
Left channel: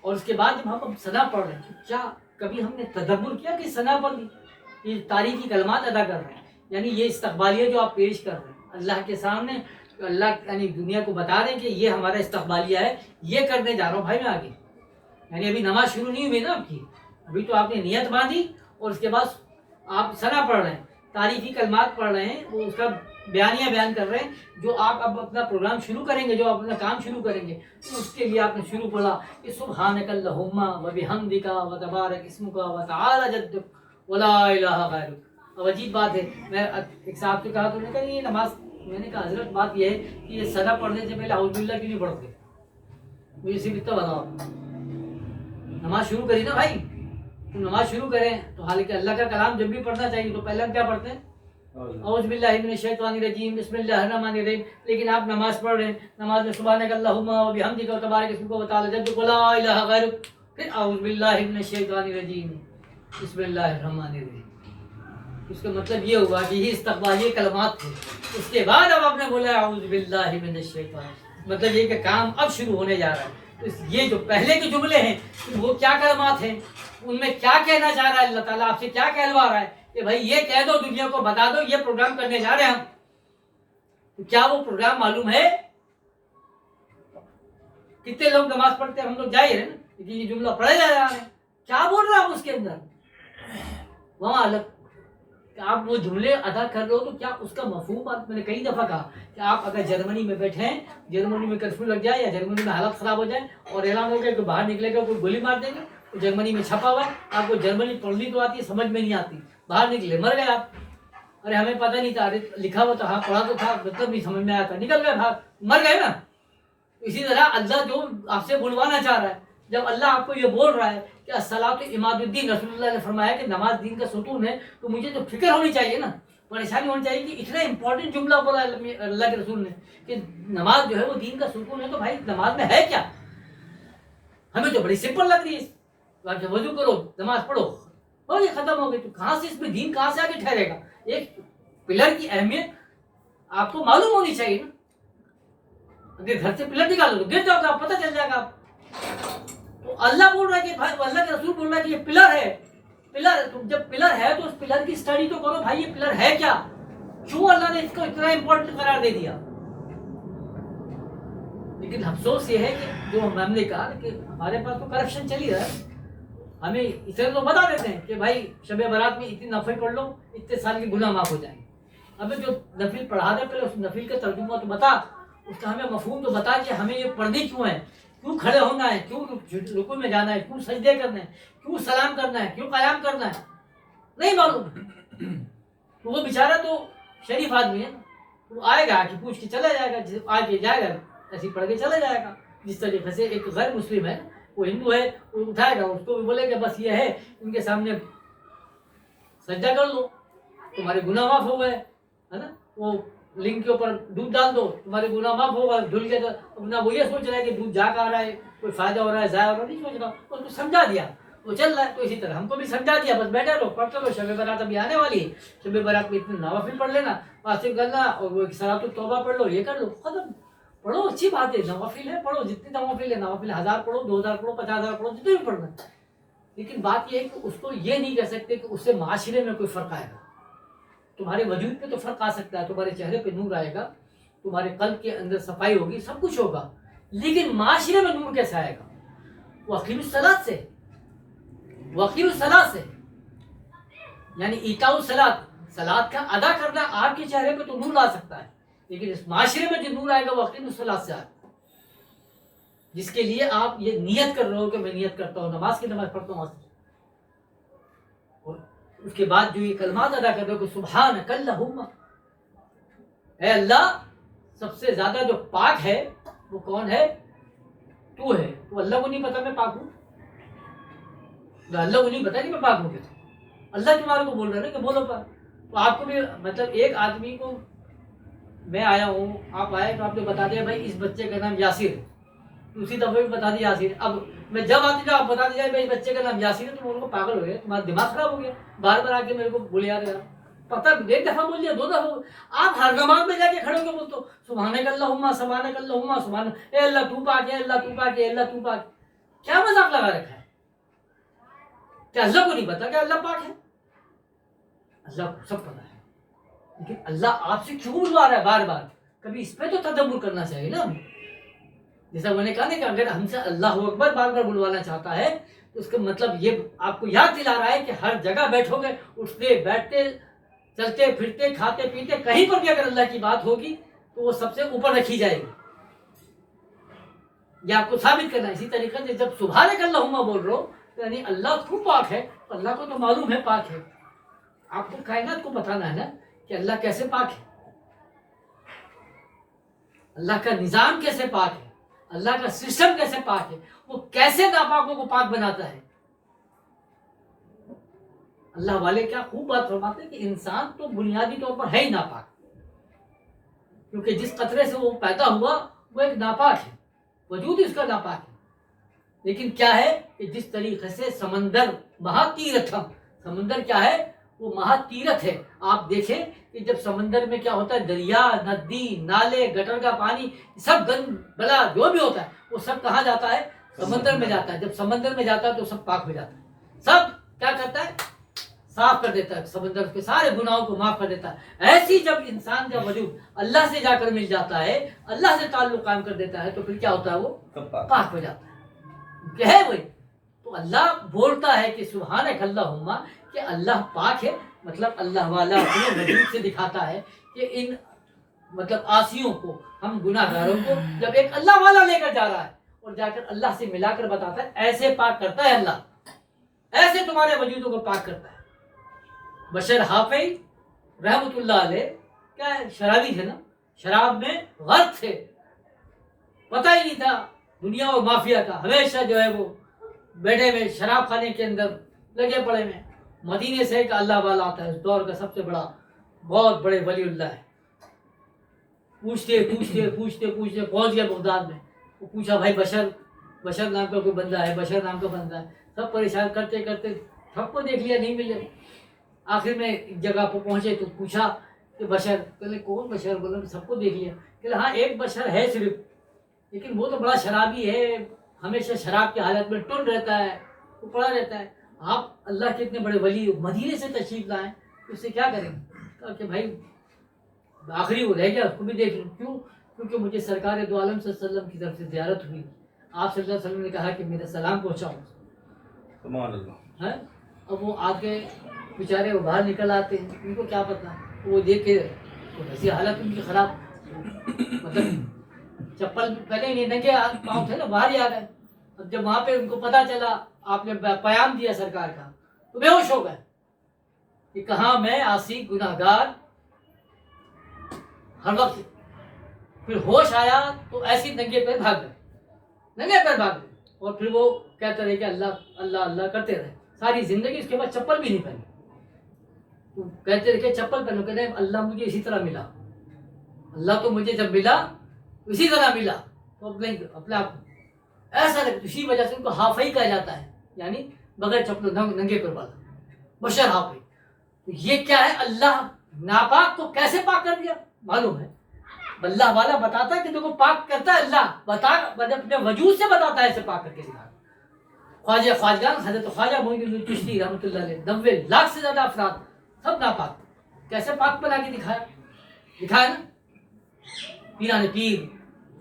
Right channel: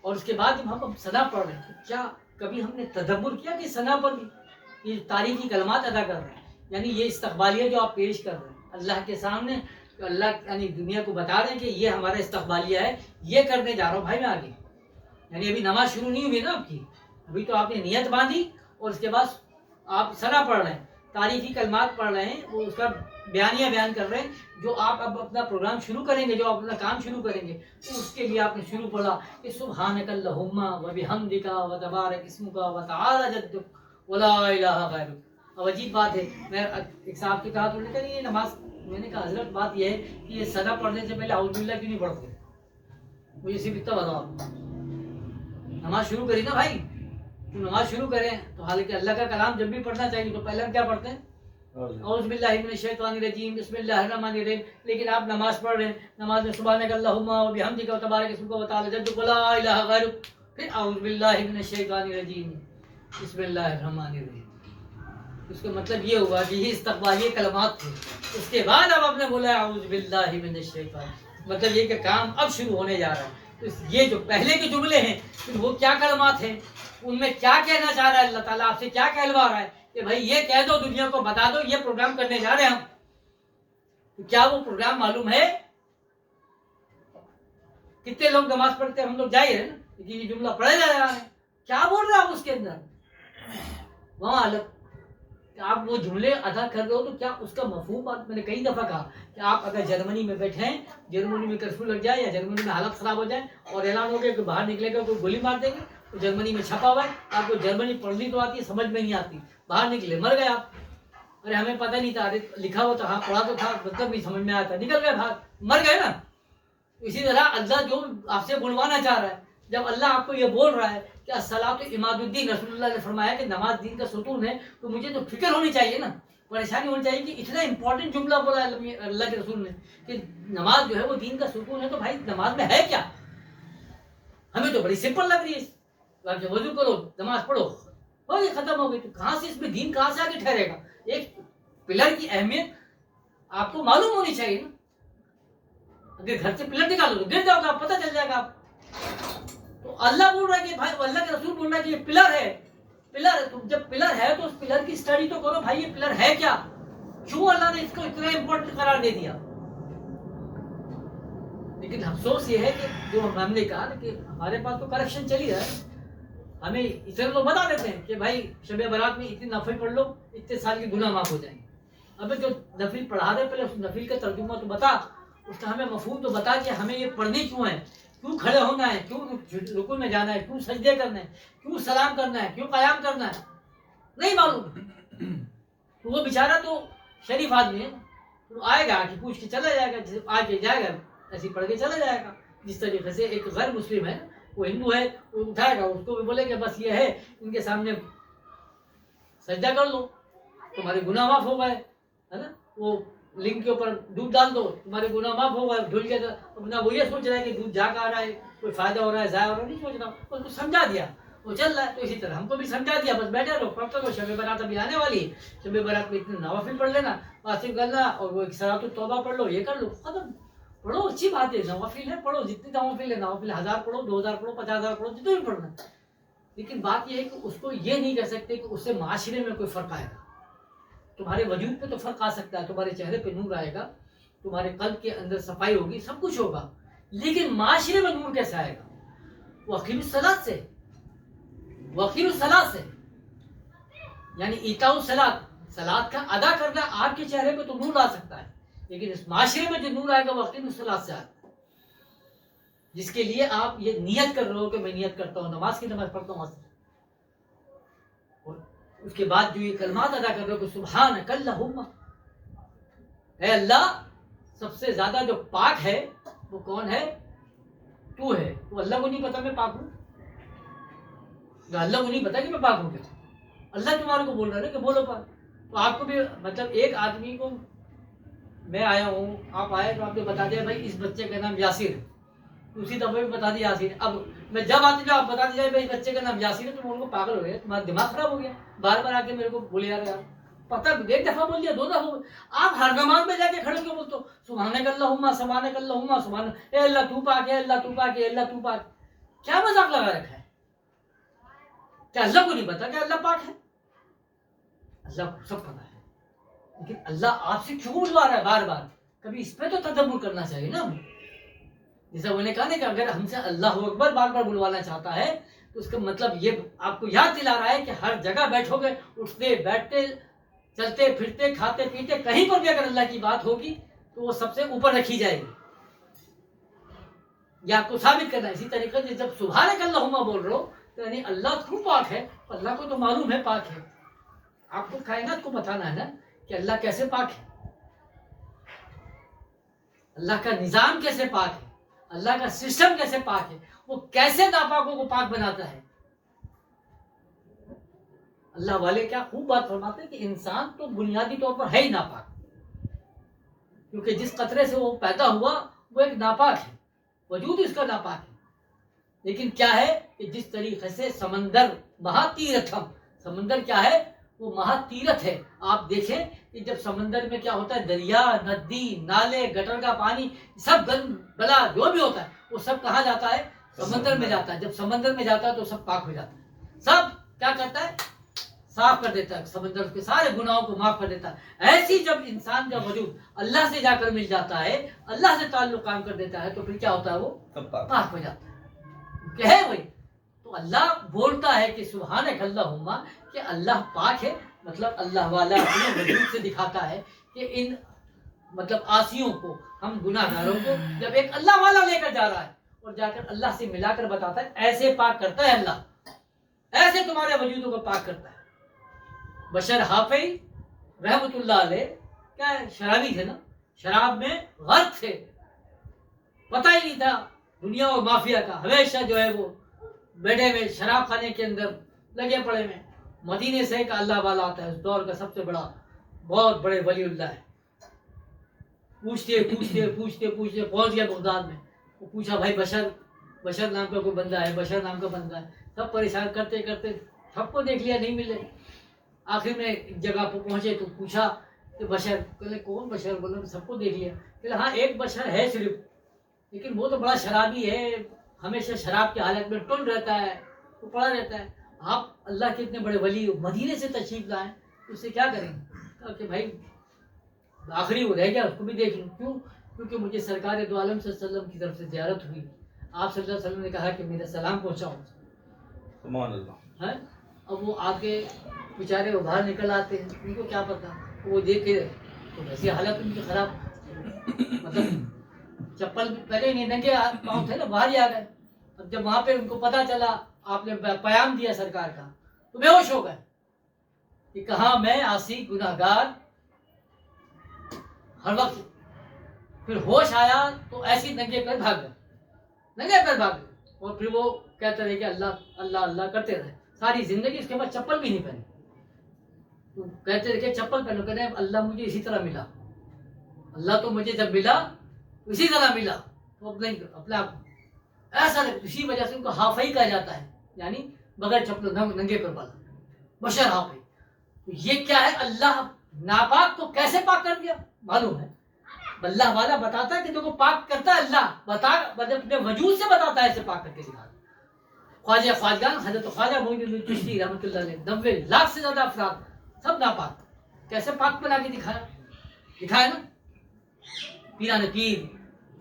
اور اس کے بعد جب ہم اب ثنا پڑھ رہے ہیں تو کیا کبھی ہم نے تدبر کیا کہ ثنا پر بھی یہ تاریخی کلمات ادا کر رہے ہیں؟ یعنی یہ استقبالیہ جو آپ پیش کر رہے ہیں اللہ کے سامنے, تو اللہ یعنی دنیا کو بتا رہے ہیں کہ یہ ہمارا استقبالیہ ہے, یہ کرنے جا رہا ہوں بھائی میں آگے. یعنی ابھی نماز شروع نہیں ہوئی نا آپ کی, ابھی تو آپ نے نیت باندھی اور اس کے بعد آپ ثنا پڑھ رہے ہیں, تاریخی کلمات پڑھ رہے ہیں, وہ اس کا بیانیہ بیان کر رہے ہیں. جو آپ اب اپنا پروگرام شروع کریں گے, جو آپ اپنا کام شروع کریں گے, تو اس کے لیے آپ نے شروع پڑھا کہ سبحانک اللہم و بحمدک و تبارک اسمک و تعالی جدک ولا الہ غیرک. اب عجیب بات ہے, میں ایک صاحب سے کہا تو انہوں نے کہا یہ نماز, میں نے کہا حضرت بات یہ ہے کہ یہ ثنا پڑھنے سے پہلے اعوذ باللہ کیوں نہیں پڑھتے؟ مجھے صرف اتنا بتاؤ. نماز شروع کری نا بھائی, تو نماز شروع کریں تو حالانکہ اللہ کا کلام جب بھی پڑھنا چاہیے تو پہلے ہم کیا پڑھتے ہیں؟ اعوذ باللہ من الشیطان الرجیم بسم اللہ الرحمن الرحیم. لیکن آپ نماز پڑھ رہے ہیں, نماز میں سبحانک اللہم و بحمدک و تبارک اسمک و تعالی جدک ولا الہ غیرک, پھر اعوذ باللہ من الشیطان الرجیم بسم اللہ الرحمن الرحیم. اس کا مطلب یہ ہوا کہ یہ استقبالیہ کلمات تھے. اس کے بعد اب آپ نے بولا اعوذ باللہ من الشیطان, مطلب یہ کہ کام اب شروع ہونے جا رہا ہے. تو یہ جو پہلے کے جملے ہیں وہ کیا کلمات ہیں, ان میں کیا کہنا چاہ رہا ہے اللہ تعالیٰ آپ سے, کیا کہلوا رہا ہے کہ بھائی یہ کہہ دو, دنیا کو بتا دو یہ پروگرام کرنے جا رہے ہیں ہم. تو کیا وہ پروگرام معلوم ہے؟ کتنے لوگ نماز پڑھتے ہیں, ہم لوگ جائے رہے نا, لیکن یہ جملہ پڑھے جا رہا ہے, کیا بول رہا ہے اس کے اندر وہاں الگ. آپ وہ جملے ادا کر رہے ہو تو کیا اس کا مفہوم, میں نے کئی دفعہ کہا کہ آپ اگر جرمنی میں بیٹھے ہیں, جرمنی میں کرفیو لگ جائے یا جرمنی میں حالت خراب ہو جائے اور اعلان ہو گیا کہ باہر نکلے گا کوئی گولی مار دے گا, تو جرمنی میں چھپا ہوا ہے, آپ کو جرمنی پڑھنی تو آتی ہے, سمجھ میں نہیں آتی, باہر نکلے مر گئے آپ. ارے ہمیں پتہ نہیں تھا, لکھا ہوا تھا, پڑھا تو تھا, مطلب نہیں سمجھ میں آیا تھا, نکل گئے باہر, مر گئے نا. اسی طرح اللہ جو آپ سے بلوانا چاہ رہا ہے, جب اللہ آپ کو یہ بول رہا ہے کہ الصلاۃ عماد الدین, رسول اللہ نے فرمایا کہ نماز دین کا ستون ہے, تو مجھے تو فکر ہونی چاہیے نا, پریشانی ہونی چاہیے کہ اتنا امپورٹنٹ جملہ بولا اللہ کے رسول نے کہ نماز جو ہے وہ دین کا ستون ہے. تو بھائی نماز میں ہے کیا؟ ہمیں تو بڑی سمپل لگ رہی ہے, وضو کرو نماز پڑھو ہو یہ ختم ہو گئی. تو کہاں سے اس میں دین کہاں سے آگے ٹھہرے گا؟ ایک پلر کی اہمیت آپ کو معلوم ہونی چاہیے نا. اگر گھر سے پلر نکالو تو گر جاؤ گا, پتہ چل جائے گا آپ. تو اللہ بول رہا ہے کہ بھائی, اللہ کے رسول بول رہا ہے کہ یہ پلر ہے, پلر، جب پلر ہے تو اس پلر کی اسٹڈی تو کرو بھائی، یہ پلر ہے کیا، کیوں اللہ نے اس کو اتنا امپورٹنٹ قرار دے دیا. لیکن افسوس یہ ہے کہ جو ہم نے کہا کہ ہمارے پاس تو کرپشن چلی رہا ہے. ہمیں اسے تو بتا دیتے ہیں کہ بھائی شب برات میں اتنی نفل پڑھ لو، اتنے سال کے گناہ معاف ہو جائیں گے. ابھی جو نفل پڑھا دے پہلے اس نفل کا ترجمہ تو بتا، اس کا ہمیں مفہوم تو بتا کہ ہمیں یہ پڑھنی کیوں ہے، کیوں کھڑے ہونا ہے، کیوں رکوع میں جانا ہے، کیوں سجدے کرنا ہے، کیوں سلام کرنا ہے، کیوں قیام کرنا ہے، نہیں معلوم. تو وہ بیچارہ تو شریف آدمی ہے، وہ آئے گا کہ پوچھ کے چلا جائے گا، آ کے جائے گا ایسے پڑھ کے چلا جائے گا. جس طریقے سے ایک غیر مسلم ہے، وہ ہندو ہے، وہ اٹھائے گا، اس کو بھی بولے کہ بس یہ ہے ان کے سامنے سجدہ کر لو تمہارے گناہ معاف ہو گئے، ہے نا. وہ لنگ کے اوپر دودھ ڈال دو تمہارے گناہ معاف ہو گئے. دھل کے اپنا وہ یہ سوچ رہا ہے کہ دودھ جا کا آ رہا ہے، کوئی فائدہ ہو رہا ہے، ضائع ہو رہا ہے، نہیں سوچ رہا. اس کو سمجھا دیا، وہ چل رہا ہے. تو اسی طرح ہم کو بھی سمجھا دیا، بس بیٹھے رہو پڑھتے رہو. شب برات ابھی آنے والی ہے، شب برات میں اتنے نوافل پڑھ لینا، واسطے کرنا، اور وہ ایک صلاۃ التوبہ پڑھ لو، یہ کر لو، ختم. پڑھو، اچھی بات ہے، نوافل ہے پڑھو، جتنے نوافل ہے، نوافل 1000 پڑھو، 2000 پڑھو، 50,000 پڑھو، جتنے بھی پڑھنا. لیکن بات یہ ہے کہ اس کو یہ نہیں کہہ سکتے کہ اس سے معاشرے میں کوئی فرق آئے گا. تمہارے وجود پہ تو فرق آ سکتا ہے، تمہارے چہرے پہ نور آئے گا، تمہارے قلب کے اندر صفائی ہوگی، سب کچھ ہوگا، لیکن معاشرے میں نور کیسے آئے گا؟ وہ اقیم الصلاۃ سے، وہ اقیم الصلاۃ سے، یعنی ایتاء الصلاۃ، صلاۃ کا ادا کرنا. آپ کے چہرے پہ تو نور آ سکتا ہے، لیکن اس معاشرے میں جو نور آئے گا وہ اقیم الصلاۃ سے آئے گا، جس کے لیے آپ یہ نیت کر رہے ہو کہ میں نیت کرتا ہوں، نماز کی نماز پڑھتا ہوں. اور اس کے بعد جو یہ کلمات ادا کر رہے ہو کہ سبحانک اللہم، اے اللہ سب سے زیادہ جو پاک ہے وہ کون ہے؟ تو ہے. تو اللہ کو نہیں پتا میں پاک ہوں؟ اللہ کو نہیں پتا کہ میں پاک ہوں کیا؟ اللہ تمہارے کو بول رہا ہے کہ بولو پاک. تو آپ کو بھی مطلب ایک آدمی کو، میں آیا ہوں، آپ آئے تو آپ نے بتا دیا بھائی اس بچے کا نام یاسر ہے، اسی دفعہ بھی بتا دیا یاسر. اب میں جب آتی ہوں آپ بتا دیا بھائی بچے کا نام یاسر ہے، تو ان کو پاگل ہو گیا، تمہارا دماغ خراب ہو گیا، بار بار آ کے میرے کو بولے یار پتہ ایک دفعہ بول دیا، 2 دفعہ آپ ہر نماز میں جا کے کھڑے ہو کے بولتے ہو سبحانک اللہم سبحانک اللہم سبحان، اے اللہ تو پاک ہے، اللہ تو پاک ہے، اللہ تو پاک. کیا مذاق لگا رکھا ہے؟ کیا اللہ کو نہیں پتا کہ اللہ پاک ہے؟ اللہ کو سب پتا ہے، لیکن اللہ آپ سے کیوں بلوا رہا ہے بار بار؟ کبھی اس پہ تو تدبر کرنا چاہیے نا ہمیں. جیسا میں نے کہا نا کہ اگر ہم سے اللہ اکبر بار بار بلوانا چاہتا ہے تو اس کا مطلب یہ آپ کو یاد دلا رہا ہے کہ ہر جگہ بیٹھو گے، اٹھتے بیٹھتے چلتے پھرتے کھاتے پیتے کہیں پر بھی اگر اللہ کی بات ہوگی تو وہ سب سے اوپر رکھی جائے گی. یہ آپ کو ثابت کرنا ہے. اسی طریقے سے جب سبحانک اللہم بول رہے ہو تو یعنی اللہ کیوں پاک ہے؟ اللہ کو تو معلوم ہے پاک ہے. آپ کو کائنات کو بتانا ہے نا کہ اللہ کیسے پاک ہے، اللہ کا نظام کیسے پاک ہے، اللہ کا سسٹم کیسے پاک ہے، وہ کیسے ناپاکوں کو پاک بناتا ہے. اللہ والے کیا خوب بات فرماتے ہیں کہ انسان تو بنیادی طور پر ہے ہی ناپاک، کیونکہ جس قطرے سے وہ پیدا ہوا وہ ایک ناپاک ہے، وجود اس کا ناپاک ہے. لیکن کیا ہے کہ جس طریقے سے سمندر مہا تیرتھم، سمندر کیا ہے؟ وہ مہا تیرتھ ہے. آپ دیکھیں کہ جب سمندر میں کیا ہوتا ہے، دریا، ندی، نالے، گٹر کا پانی، سب گند بلا جو بھی ہوتا ہے وہ سب کہاں جاتا ہے؟ سمندر میں جاتا ہے. جب سمندر میں جاتا ہے تو سب پاک ہو جاتا ہے، سب کیا کرتا ہے؟ صاف کر دیتا ہے، سمندر کے سارے گناہوں کو معاف کر دیتا ہے. ایسی جب انسان کا وجود اللہ سے جا کر مل جاتا ہے، اللہ سے تعلق قائم کر دیتا ہے، تو پھر کیا ہوتا ہے؟ وہ پاک ہو جاتا ہے کہ ہے وہی. تو اللہ بولتا ہے کہ سبحانک اللہم، کہ اللہ پاک ہے، مطلب اللہ والا اپنے وجود سے دکھاتا ہے کہ ان مطلب آسیوں کو، ہم گناہ گاروں کو جب ایک اللہ والا لے کر جا رہا ہے اور جا کر اللہ سے ملا کر بتاتا ہے ایسے پاک کرتا ہے اللہ، ایسے تمہارے وجودوں کو پاک کرتا ہے. بشر حافظ رحمت اللہ علیہ کیا ہے؟ شرابی تھے نا، شراب میں غرق تھے، پتہ ہی نہیں تھا دنیا اور مافیا کا. ہمیشہ جو ہے وہ بیٹھے ہوئے شراب خانے کے اندر لگے پڑے میں. مدینے سے ایک اللہ والا آتا ہے، اس دور کا سب سے بڑا، بہت بڑے ولی اللہ ہے. پوچھتے پوچھتے پوچھتے پوچھتے پہنچ گیا بغداد میں. وہ پوچھا بھائی بشر نام کا کوئی بندہ ہے، بشر نام کا بندہ ہے. سب پریشان کرتے کرتے سب کو دیکھ لیا، نہیں ملے. آخر میں ایک جگہ پہ پہنچے تو پوچھا کہ بشر، کہلے کون بشر؟ بولا سب کو دیکھ لیا. کہ ہاں ایک بشر ہے صرف، لیکن وہ تو بڑا شرابی ہے، ہمیشہ شراب کی حالت میں ٹن رہتا ہے، وہ پڑا رہتا ہے. آپ اللہ کے اتنے بڑے ولی مدینے سے تشریف لائیں تو اس سے کیا کریں؟ کہا کہ بھائی آخری وہ رہ گیا اس کو بھی دیکھ لوں. کیوں؟ کیونکہ مجھے سرکار دو عالم صلی اللہ علیہ وسلم کی طرف سے زیارت ہوئی. آپ صلی اللہ علیہ وسلم نے کہا کہ میرا سلام پہنچاؤں. سبحان اللہ. ہے اب وہ آ کے بیچارے وہ باہر نکل آتے ہیں, ان کو کیا پتا, وہ دیکھ کے تو ایسی حالت ان کی خراب, مطلب چپل پہلے ہی نہیں, ننگے پاؤں تھے نا, باہر ہی آ گئے. اب جب وہاں پہ ان کو پتا چلا آپ نے پیام دیا سرکار کا تو بے ہوش ہو گئے کہ کہاں میں عاصی گناہگار ہر وقت. پھر ہوش آیا تو ایسی ننگے پیر بھاگ گئے, ننگے پیر بھاگ گئے. اور پھر وہ کہتے رہے کہ اللہ اللہ اللہ کرتے رہے ساری زندگی. اس کے بعد چپل بھی نہیں پہنی. تو کہتے رہے کہ چپل پہنو, کہتے ہیں اللہ مجھے اسی طرح ملا, اللہ تو مجھے جب ملا اسی طرح ملا. تو اپنے آپ ایسا لگتا, اسی وجہ سے ان کو ہافئی کہا جاتا ہے, یعنی بغیر چپل ننگے پر والا, بشر ہافئی. تو یہ کیا ہے, اللہ ناپاک کو کیسے پاک کر دیا معلوم ہے. اللہ والا بتاتا ہے کہ دیکھو پاک کرتا ہے اللہ, بتا اپنے وجود سے بتاتا ہے ایسے پاک کر کے دکھاتا. خواجہ خواجگان حضرت خواجہ معین الدین چشتی رحمۃ اللہ علیہ 90 لاکھ سے زیادہ افراد سب ناپاک, کیسے پاک بنا کے دکھایا نا. پیران پیر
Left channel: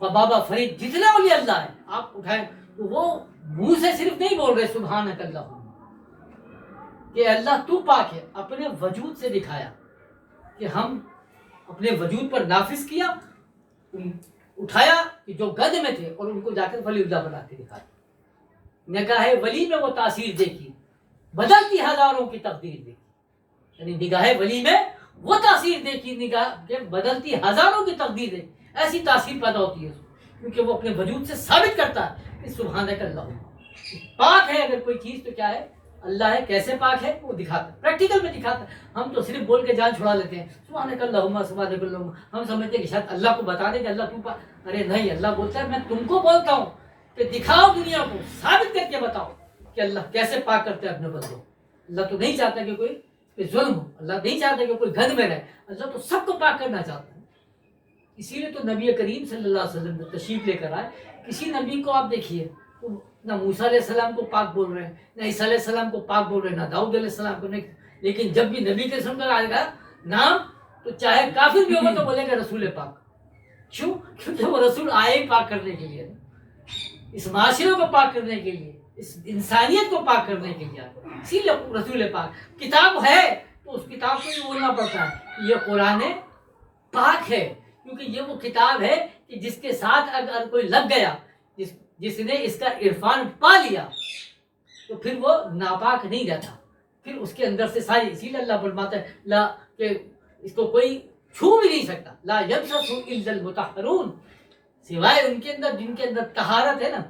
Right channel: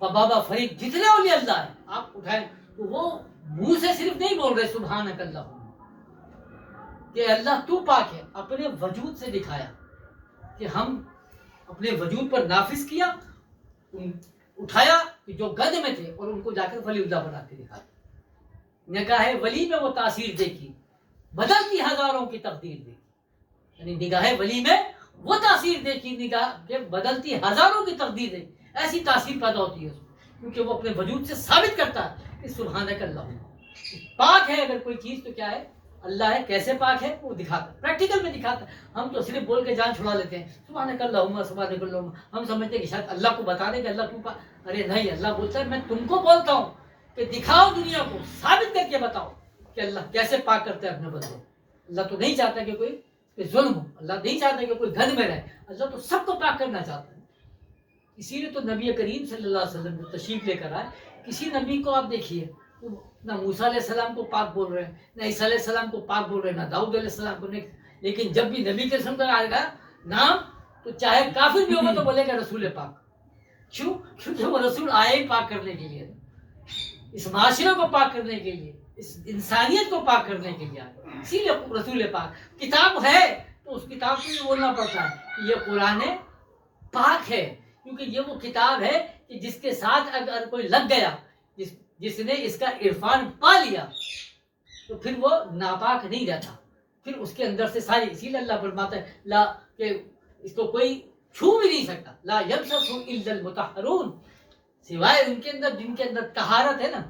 اور بابا فرید جتنے اولیاء اللہ ہیں آپ اٹھائیں تو وہ منہ سے صرف نہیں بول رہے سبحانک اللہ کہ اللہ تو پاک ہے, اپنے وجود سے دکھایا کہ ہم اپنے وجود پر نافذ کیا, اٹھایا کہ جو گد میں تھے اور ان کو جا کر ولی اللہ بنا کے دکھایا. نگاہ ولی میں وہ تاثیر دیکھی, بدلتی ہزاروں کی تقدیر دیکھی. یعنی نگاہ ولی میں وہ تاثیر دیکھی, نگاہ کے بدلتی ہزاروں کی تقدیر دیکھی. ایسی تاثیر پیدا ہوتی ہے کیونکہ وہ اپنے وجود سے ثابت کرتا ہے کہ سبحانک اللہ. پاک ہے اگر کوئی چیز تو کیا ہے, اللہ ہے. کیسے پاک ہے وہ دکھاتا, پریکٹیکل میں دکھاتا. ہم تو صرف بول کے جان چھڑا لیتے ہیں سبحانک اللہم سبحانک اللہم. ہم سمجھتے ہیں کہ شاید اللہ کو بتا دیں کہ اللہ تو پاک. ارے نہیں, اللہ بولتا ہے میں تم کو بولتا ہوں کہ دکھاؤ دنیا کو, ثابت کر کے بتاؤ کہ اللہ کیسے پاک کرتا ہے اپنے بندوں. اللہ تو نہیں چاہتا کہ کوئی ظلم ہو, اللہ نہیں چاہتا کہ کوئی گند میں رہے, اللہ تو سب کو پاک کرنا چاہتا ہے. اسی لیے تو نبی کریم صلی اللہ علیہ وسلم تشریف لے کر آئے. کسی نبی کو آپ دیکھیے نہ موسیٰ علیہ السلام کو پاک بول رہے ہیں, نہ عیسیٰ علیہ السلام کو پاک بول رہے ہیں, نہ داؤد علیہ السلام کو نہیں. لیکن جب بھی نبی کے رسم کا آئے گا نام تو چاہے کافر بھی ہوگا تو بولے گا رسول پاک. کیوں؟ کیونکہ وہ رسول آئے ہی پاک کرنے کے لیے, اس معاشرے کو پاک کرنے کے لیے, اس انسانیت کو پاک کرنے کے لیے آئے. اسی لیے رسول پاک. کتاب ہے تو اس کتاب کو بھی بولنا پڑتا ہے یہ قرآن پاک ہے, کیونکہ یہ وہ کتاب ہے کہ جس کے ساتھ اگر کوئی لگ گیا, جس نے اس کا عرفان پا لیا تو پھر وہ ناپاک نہیں رہتا, پھر اس کے اندر سے ساری. اسی لیے اللہ فرماتا ہے لا کہ اس کو کوئی چھو بھی نہیں سکتا, لا یمسسہ الا المطہرون, سوائے ان کے اندر جن کے اندر طہارت ہے نا,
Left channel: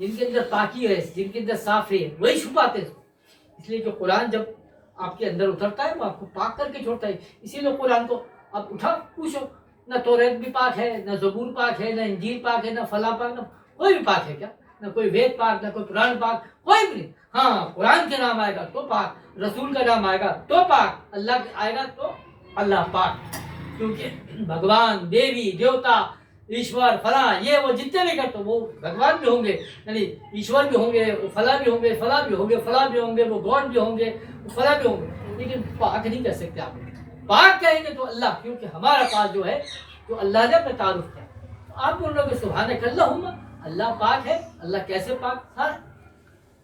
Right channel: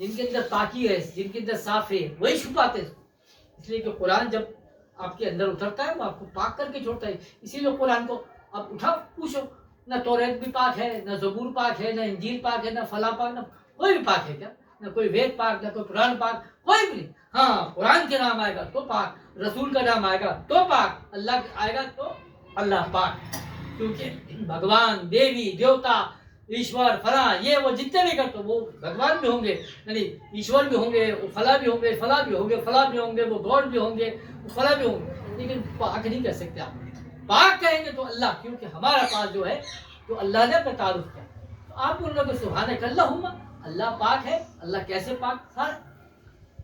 جن کے اندر پاکی ہے, جن کے اندر صاف ہے, وہی چھپاتے ہیں. اس لیے کہ قرآن جب آپ کے اندر اترتا ہے وہ آپ کو پاک کر کے چھوڑتا ہے. اسی لیے قرآن کو آپ اٹھاؤ پوچھو, نہ توریت بھی پاک ہے, نہ زبور پاک ہے, نہ انجیل پاک ہے, نہ فلاں پاک, نہ کوئی بھی پاک ہے کیا, نہ کوئی وید پاک, نہ کوئی قرآن پاک, کوئی بھی نہیں. ہاں قرآن کے نام آئے گا تو پاک, رسول کا نام آئے گا تو پاک, اللہ آئے گا تو اللہ پاک. کیونکہ بھگوان, دیوی, دیوتا, ایشور, فلاں یہ وہ جتنے بھی کرتے وہ بھگوان بھی ہوں گے, یعنی ایشور بھی ہوں گے, وہ فلاں بھی ہوں گے, فلاں بھی ہوں گے, فلاں بھی ہوں گے, وہ گاڈ بھی ہوں گے, وہ فلاں بھی ہوں گے, لیکن پاک نہیں کر سکتے آپ. پاک کہیں گے تو اللہ, کیونکہ ہمارا پاس جو ہے تو اللہ نے اپنا تعارف کیا. آپ بول رہے کہ سبحانک اللہم, اللہ پاک ہے. اللہ کیسے پاک, ہر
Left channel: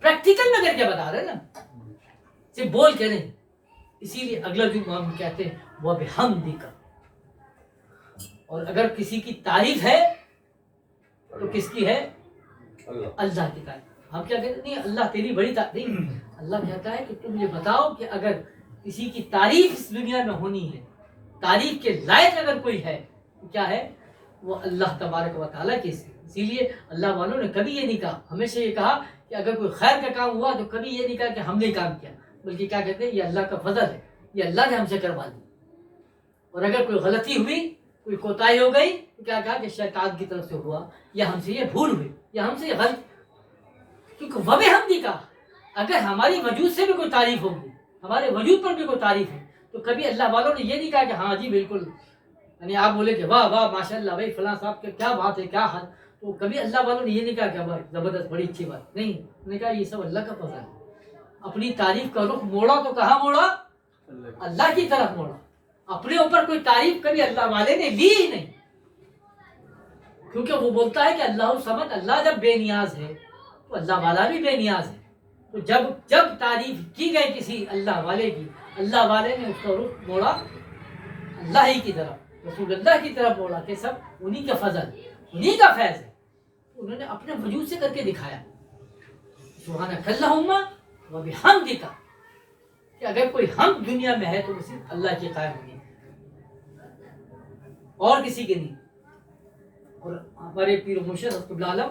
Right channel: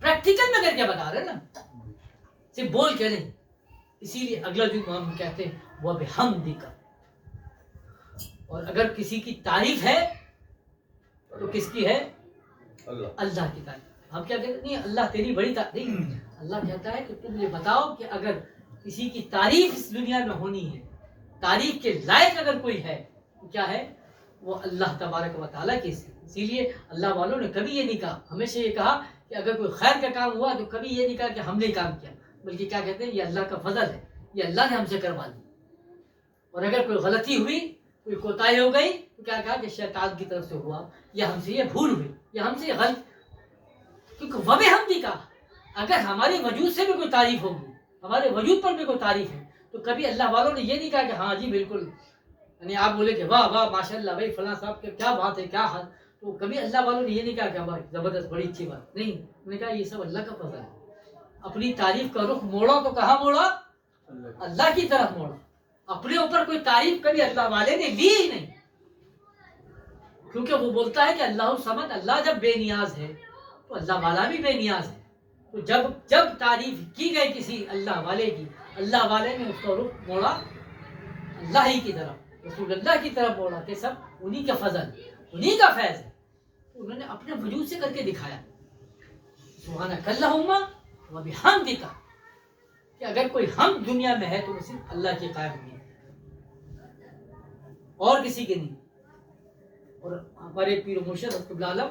پریکٹیکل میں کر کے بتا رہے نا, صرف بول کے نہیں. اسی لیے اگلا جو ہم کہتے ہیں وہ بحمدک, اور اگر کسی کی تعریف ہے تو کس کی ہے, اللہ کی تعریف. ہم کیا کہتے ہیں نہیں اللہ تیری بڑی تعریف نہیں, اللہ کہتا ہے کہ تم یہ بتاؤ کہ اگر کسی کی تعریف اس دنیا میں ہونی ہے, تعریف کے لائق اگر کوئی ہے تو کیا ہے, وہ اللہ تبارک و تعالیٰ کی. اسی لیے اللہ والوں نے کبھی یہ نہیں کہا, ہمیشہ یہ کہا کہ اگر کوئی خیر کا کام ہوا تو کبھی یہ نہیں کہا کہ ہم نے کام کیا, بلکہ کیا کہتے ہیں یہ اللہ کا فضل ہے, یہ اللہ نے ہم سے کروا دی. اور اگر کوئی غلطی ہوئی, کوئی کوتاہی ہو گئی تو کیا کہا کہ شیطان کی طرف سے ہوا, یا ہم سے یہ بھول ہوئی, یا ہم سے یہ غلط. کیونکہ وہ بھی ہم نہیں کہا, اگر ہماری وجود سے بھی کوئی تعریف ہوگی, ہمارے وجود پر بھی کوئی تعریف ہے, تو کبھی اللہ والوں نے یہ نہیں کہا کہ ہاں جی بالکل, یعنی آپ بولے کہ واہ واہ ماشاء اللہ بھائی فلاں صاحب کے کیا بات ہے, کیا حال. تو کبھی اللہ والوں نے یہ نہیں کہا کہ بھائی زبردست بڑی اچھی بات نہیں, انہوں نے کہا یہ سب اللہ کا فضل ہے, اپنی تعریف کا رخ موڑا تو کہاں موڑا؟ اللہ کی طرف موڑا. اپنے اوپر کوئی تعریف کبھی اللہ والے نے لی ہی نہیں, کیونکہ وہ بولتا ہے کہ اللہ الصمد, اللہ جب بے نیاز ہے تو اللہ والا بھی بے نیاز ہے. تو جب تعریف کی گئی کسی اللہ والے کی, اللہ والے نے اس کا رخ موڑا اللہ ہی کی طرف, رسول اللہ کی طرف موڑا کہ سب انہی کا فضل, انہی کا فیض ہے. انہوں نے اپنے وجود سے کر کے دکھایا سبحانک اللہم و بحمدک, کہ اگر کوئی حمد دنیا میں ہے تو صرف اللہ کی قائم ہوئی اور کسی کے نہیں. اور ہمارے پیر و مرشد حضرت العالم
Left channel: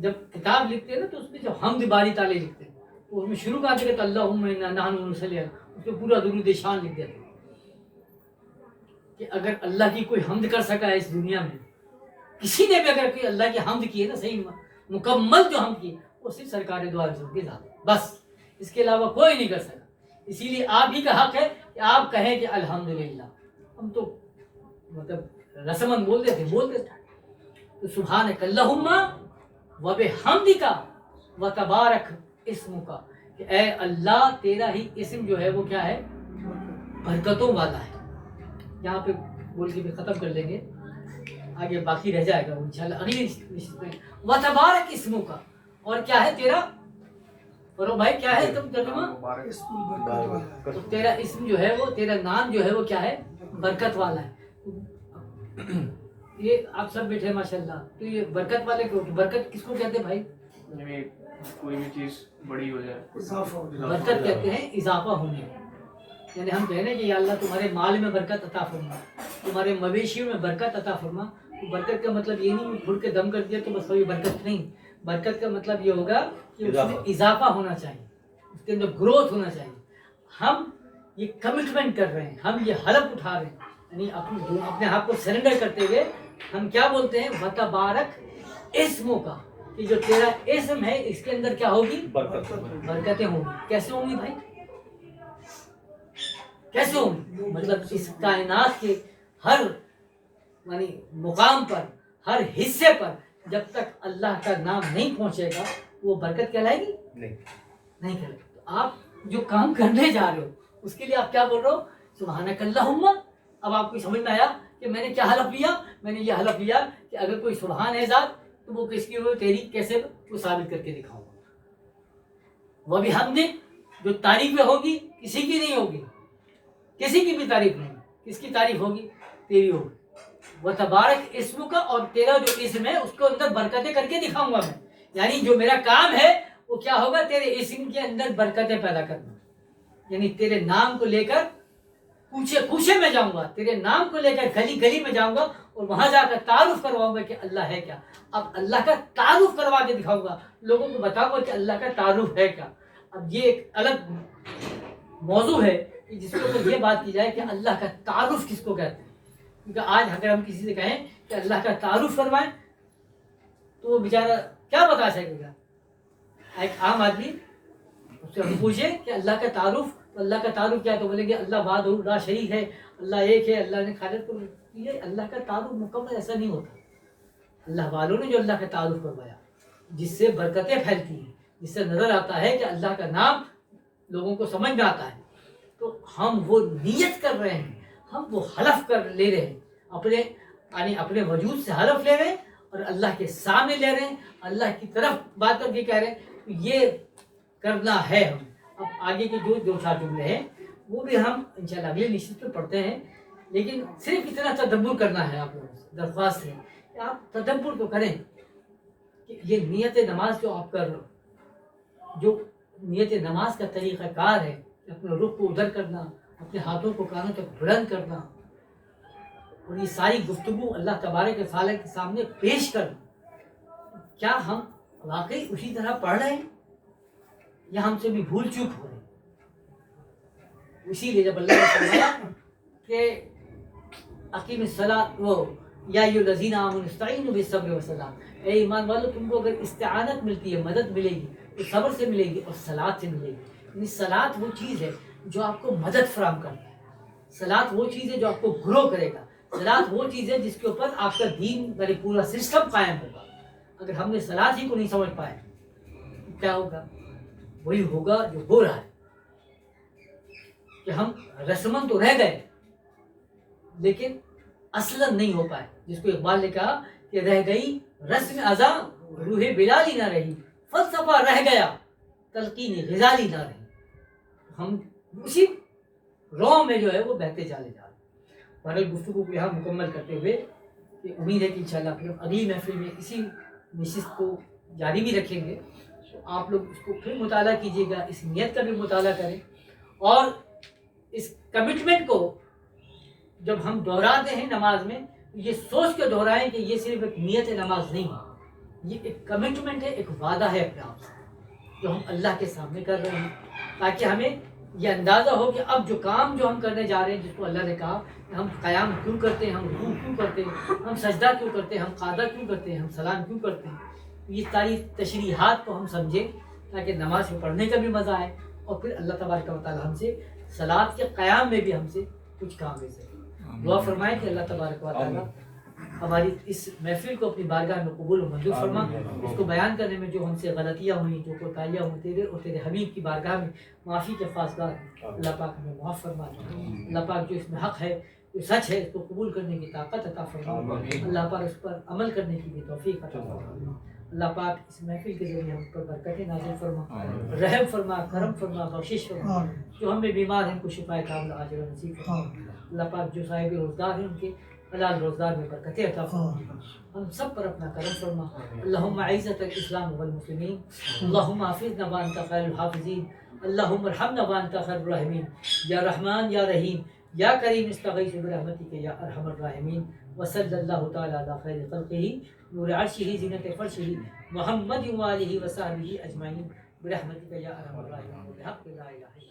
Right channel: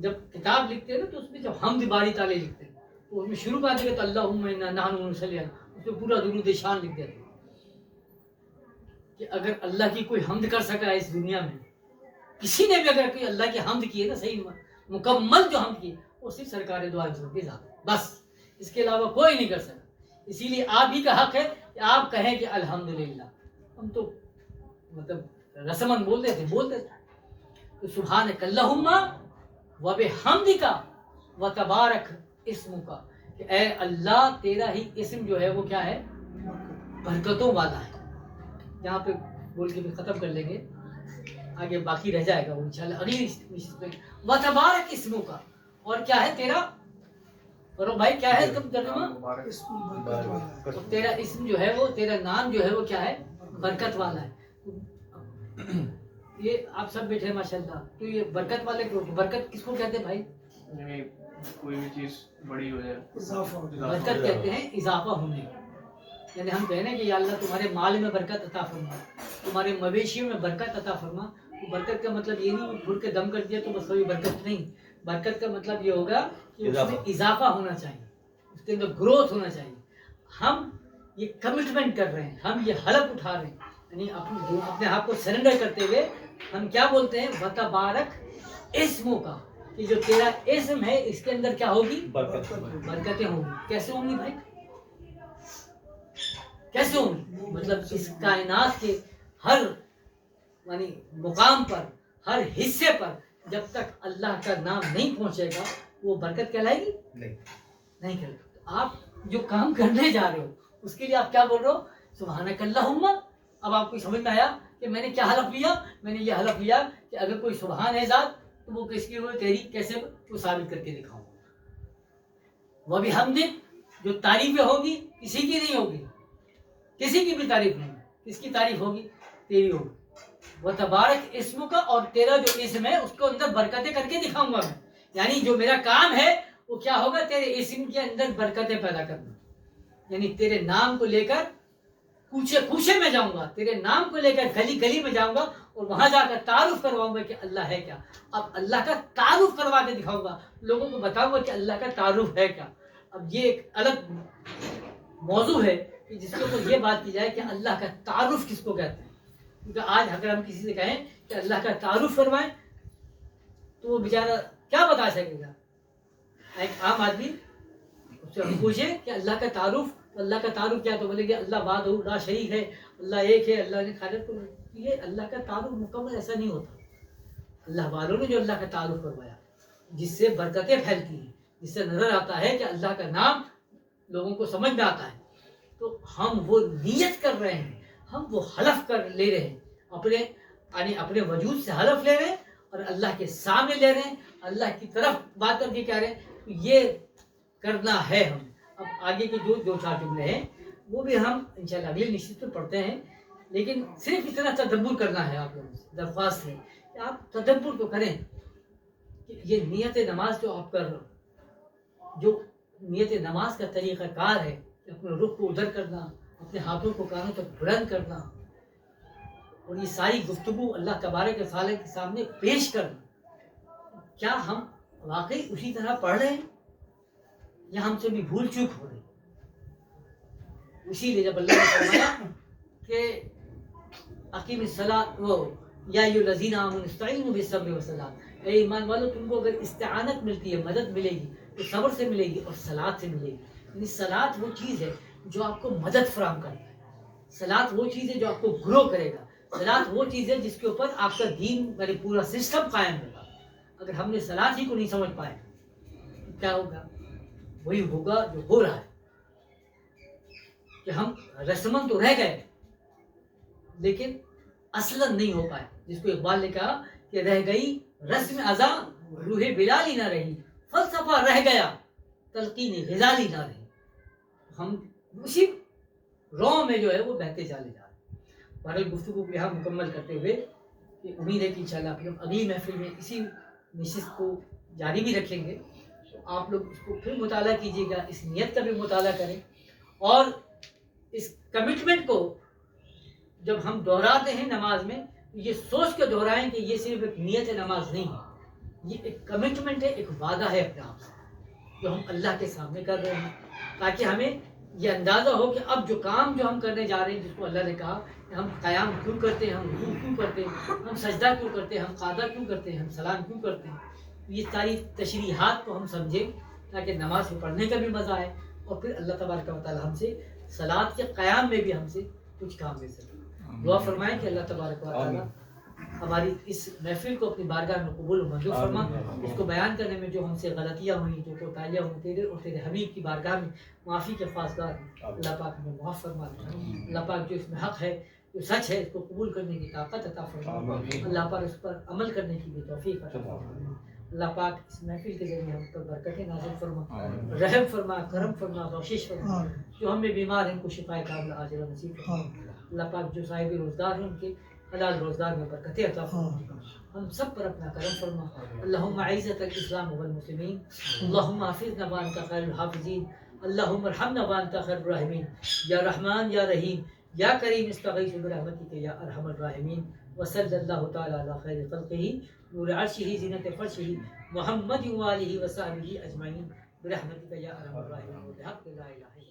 جب کتاب لکھتے ہیں نا تو اس میں جب حمد باری تعالیٰ لکھتے ہیں تو اس میں شروع کر دیا تو اللہم انا نحن نصلی, اس میں پورا درود شان لکھ دیتے ہیں کہ اگر اللہ کی کوئی حمد کر سکا ہے اس دنیا میں, کسی نے بھی اگر کوئی اللہ کی حمد کی ہے نا, صحیح مکمل جو حمد کی, وہ صرف سرکار دو عالم کی ذات, بس اس کے علاوہ کوئی نہیں کر سکا. اسی لیے آپ ہی کا حق ہے کہ آپ کہیں کہ الحمدللہ. ہم تو مطلب رسمن بولتے تھے. تو سبحانک اللہم و بحمدک و تبارک اسمک, کہ اے اللہ تیرا ہی اسم جو ہے وہ کیا ہے؟ برکتوں والا ہے. یہاں پہ بول کے بھی ختم کر لیں گے, آگے باقی رہ جائے گا وہ انشاءاللہ اگلی نشست میں. و تبارک اسمک, اور کیا ہے تیرا, اور بھائی کیا ہے تم ترجمہ؟ تو تیرا اسم جو ہے وہ, تیرا نام جو ہے وہ کیا ہے؟ برکت والا ہے. یہ آپ سب بیٹھے ماشاءاللہ, تو یہ برکت والے کیوں؟ برکت کس کو کہتے ہیں بھائی؟ کوئی بھی چیز بڑی ہو جائے برکت کہتے ہیں اضافہ ہونے کو. یعنی ہم کہہ رہے ہیں کہ یا اللہ تمہارے مال میں برکت عطا فرما, تمہارے مویشیوں میں برکت عطا فرما. تو برکت کا مطلب یہ نہیں پھڑ کے دم کر دیا تو بس کوئی برکت نہیں. برکت کا مطلب یہ ہوگا کہ اس میں اضافہ ہونا چاہیے, اس کے اندر گروتھ ہونا چاہیے. ہم یہ کمٹمنٹ کر رہے ہیں, ہم یہ حلف اٹھا رہے ہیں, یعنی اپنے آپ کو سرنڈر کرتے ہوئے ہم کیا بولتے ہیں؟ وتبارک اسموں کا, کہ جو تیرا اسم ہے اس کے اندر کیا ہوگی؟ برکتیں ہوں گی. کیسے ہوں گی بھائی؟ کیسے ہوں گی؟ مطلب اس کائنات کے ہر یعنی مقام پر, ہر حصے پر جب تک اللہ کا نام نہیں پہنچے گا وہ برکت کہلائے گی؟ نہیں کہلائے گی. تو آپ جو کام کرنے جا رہے ہو اس کے لیے آپ کیا بول رہے ہو؟ سبحانک اللہم. اب آپ کو سمجھ میں آیا کہ میں نے کیا حلف لیا؟ میں نے یہ حلف لیا کہ اگر کوئی سبحان ہے ذات تو وہ کس کی تیری کیسے وہ ثابت کر کے دکھاؤں گا. وہ بھی حمدک, جو تعریفیں ہوگی کسی کی نہیں ہوگی, کسی کی بھی تعریف نہیں, کس کی تعریف ہوگی؟ تیری ہوگی. وہ تبارک اسم کا, اور تیرا جو اسم ہے اس کو اندر برکتیں کر کے دکھاؤں گا میں. یعنی جو میرا کام ہے وہ کیا ہوگا؟ تیرے اسم کے اندر برکتیں پیدا کرنا. یعنی تیرے نام کو لے کر کوچے کوچے میں جاؤں گا, تیرے نام کو لے کر گلی گلی میں جاؤں گا اور وہاں جا کر تعارف کرواؤں گا کہ اللہ ہے کیا. اب اللہ کا تعارف کروا کے دکھاؤں گا, لوگوں کو بتاؤں گا کہ اللہ کا تعارف ہے کیا. اب یہ ایک الگ موضوع ہے کہ جس کے اوپر یہ بات کی جائے کہ اللہ کا تعارف کس کو کہتے ہیں. کیونکہ آج اگر ہم کسی سے کہیں کہ اللہ کا تعارف کروائیں تو وہ بیچارہ کیا بتا سکے گا. ایک عام آدمی اس سے ہم پوچھیں کہ اللہ کا تعارف, تو اللہ کا تعارف کیا, تو بولیں گے اللہ وحدہ لا شریک ہے, اللہ ایک ہے, اللہ نے خالق کو. یہ اللہ کا تعارف مکمل ایسا نہیں ہوتا. اللہ والوں نے جو اللہ کا تعارف کروایا جس سے برکتیں پھیلتی ہیں, جس سے نظر آتا ہے کہ اللہ کا نام لوگوں کو سمجھ میں آتا ہے, تو ہم وہ نیت کر رہے ہیں, ہم وہ حلف کر لے رہے ہیں, اپنے وجود سے حلف لے رہے ہیں اور اللہ کے سامنے لے رہے ہیں, اللہ کی طرف بات کر کے کہہ رہے ہیں. تو یہ کرنا ہے ہم. اب آگے کے جو 2-4 جملے ہیں وہ بھی ہم انشاءاللہ اگلے نشست میں پڑھتے ہیں, لیکن صرف اتنا تدبر کرنا ہے. آپ لوگوں سے درخواست ہے کہ آپ تدبر تو کریں کہ یہ نیت نماز جو آپ کر رہے ہو, جو نیت نماز کا طریقہ کار ہے کہ اپنے رخ کو ادھر کرنا, اپنے ہاتھوں کو کانوں تک بلند کرنا, اور یہ ساری گفتگو اللہ تبارک و تعالیٰ کے سامنے پیش کرنا, کیا ہم واقعی اسی طرح پڑھ رہے ہیں یا ہم سے بھی بھول چوک ہو رہی؟ اسی لیے جب اللہ نے فرمایا کہ اقیم الصلاۃ وہ یا ایھا الذین آمنوا استعینوا بالصبر والصلاۃ, اے ایمان والو تم کو اگر استعانت ملتی ہے, مدد ملے گی, تو صبر سے ملے گی اور صلاۃ سے ملے گی. یعنی صلاۃ وہ چیز ہے جو آپ کو مدد فراہم کرتا ہے, صلاۃ وہ چیز ہے جو آپ کو گرو کرے گا, صلاۃ وہ چیز ہے جس کے اوپر آپ کا دین یعنی پورا سسٹم قائم ہوگا. اگر ہم نے صلاۃ ہی کو نہیں سمجھ پائے تو کیا ہوگا؟ وہی ہوگا جو ہو رہا ہے، کہ ہم رسمن تو رہ گئے لیکن اصلاً نہیں ہو پائے. جس کو اقبال نے کہا کہ رہ گئی رسم ازاں روح بلالی نہ رہی، فلسفہ رہ گیا تلقین غزالی نہ رہی. ہم اسی رو میں جو ہے وہ بہتے چلے جا رہے ہیں. بہرحال گفتگو کو یہاں مکمل کرتے ہوئے کہ امید ہے کہ انشاءاللہ پھر ہم اگلی محفل میں اسی نشست کو جاری بھی رکھیں گے. تو آپ لوگ اس کو پھر مطالعہ کیجیے گا، اس نیت کا بھی مطالعہ کریں، اور اس کمٹمنٹ کو جب ہم دہراتے ہیں نماز میں یہ سوچ کے دہرائیں کہ یہ صرف ایک نیت نماز نہیں ہے، یہ ایک کمٹمنٹ ہے، ایک وعدہ ہے اپنے آپ سے جو ہم اللہ کے سامنے کر رہے ہیں، تاکہ ہمیں یہ اندازہ ہو کہ اب جو کام جو ہم کرنے جا رہے ہیں، جس کو اللہ نے کہا کہ ہم قیام کیوں کرتے ہیں، ہم رکوع کیوں کرتے ہیں، ہم سجدہ کیوں کرتے ہیں، ہم قعدہ کیوں کرتے ہیں، ہم سلام کیوں کرتے ہیں، یہ ساری تشریحات کو ہم سمجھیں تاکہ نماز کو پڑھنے کا بھی مزہ آئے، اور پھر اللہ تبارک و تعالی ہم سے صلاۃ کے قیام میں بھی ہم سے کچھ کام لے سکے. دعا فرمائیں کہ اللہ تبارک و تعالی ہماری اس محفل کو اپنی بارگاہ میں قبول و منظور فرما. اس کو بیان کرنے میں جو ہم سے غلطیاں ہوئیں، جو کوتاہیاں ہوئیں، تیرے اور تیرے حبیب کی بارگاہ میں معافی کے خواستگار ہیں. اللہ پاک ہمیں معاف فرما. اللہ پاک جو اس میں حق ہے، جو سچ ہے، اس کو قبول کرنے کی طاقت عطا فرما. اللہ پاک اس پر عمل کرنے کی بھی توفیق عطا فرما. اللہ پاک اس محفل کے ذریعے ہم پر برکتیں نازل فرما، رحم فرما، کرم فرما، بخشش فرما. جو ہم میں بیمار ہیں ان کو شفا کاملہ عاجلہ نصیب فرما. اللہ پاک جو صاحب روزگار ہیں ان کے حلال روزگار میں برکتیں عطا فرما. ہم سب پر اپنا کرم فرما. اللہم اعزت الاسلام والمسلمین، اللہم حافظنا وانت خیر الحافظین، اللہم ارحمنا وانت خیر الراحمین. یا رحمان یا رحیم یا کریم استغیث برحمتک یا ارحم الراحمین. وصلی اللہ تعالی علی خیر خلقہ نور عرشہ زینت فرشہ محمد وآلہ وصحبہ اجمعین برحمتک یا ارحم الراحمین بحق لا الہ الا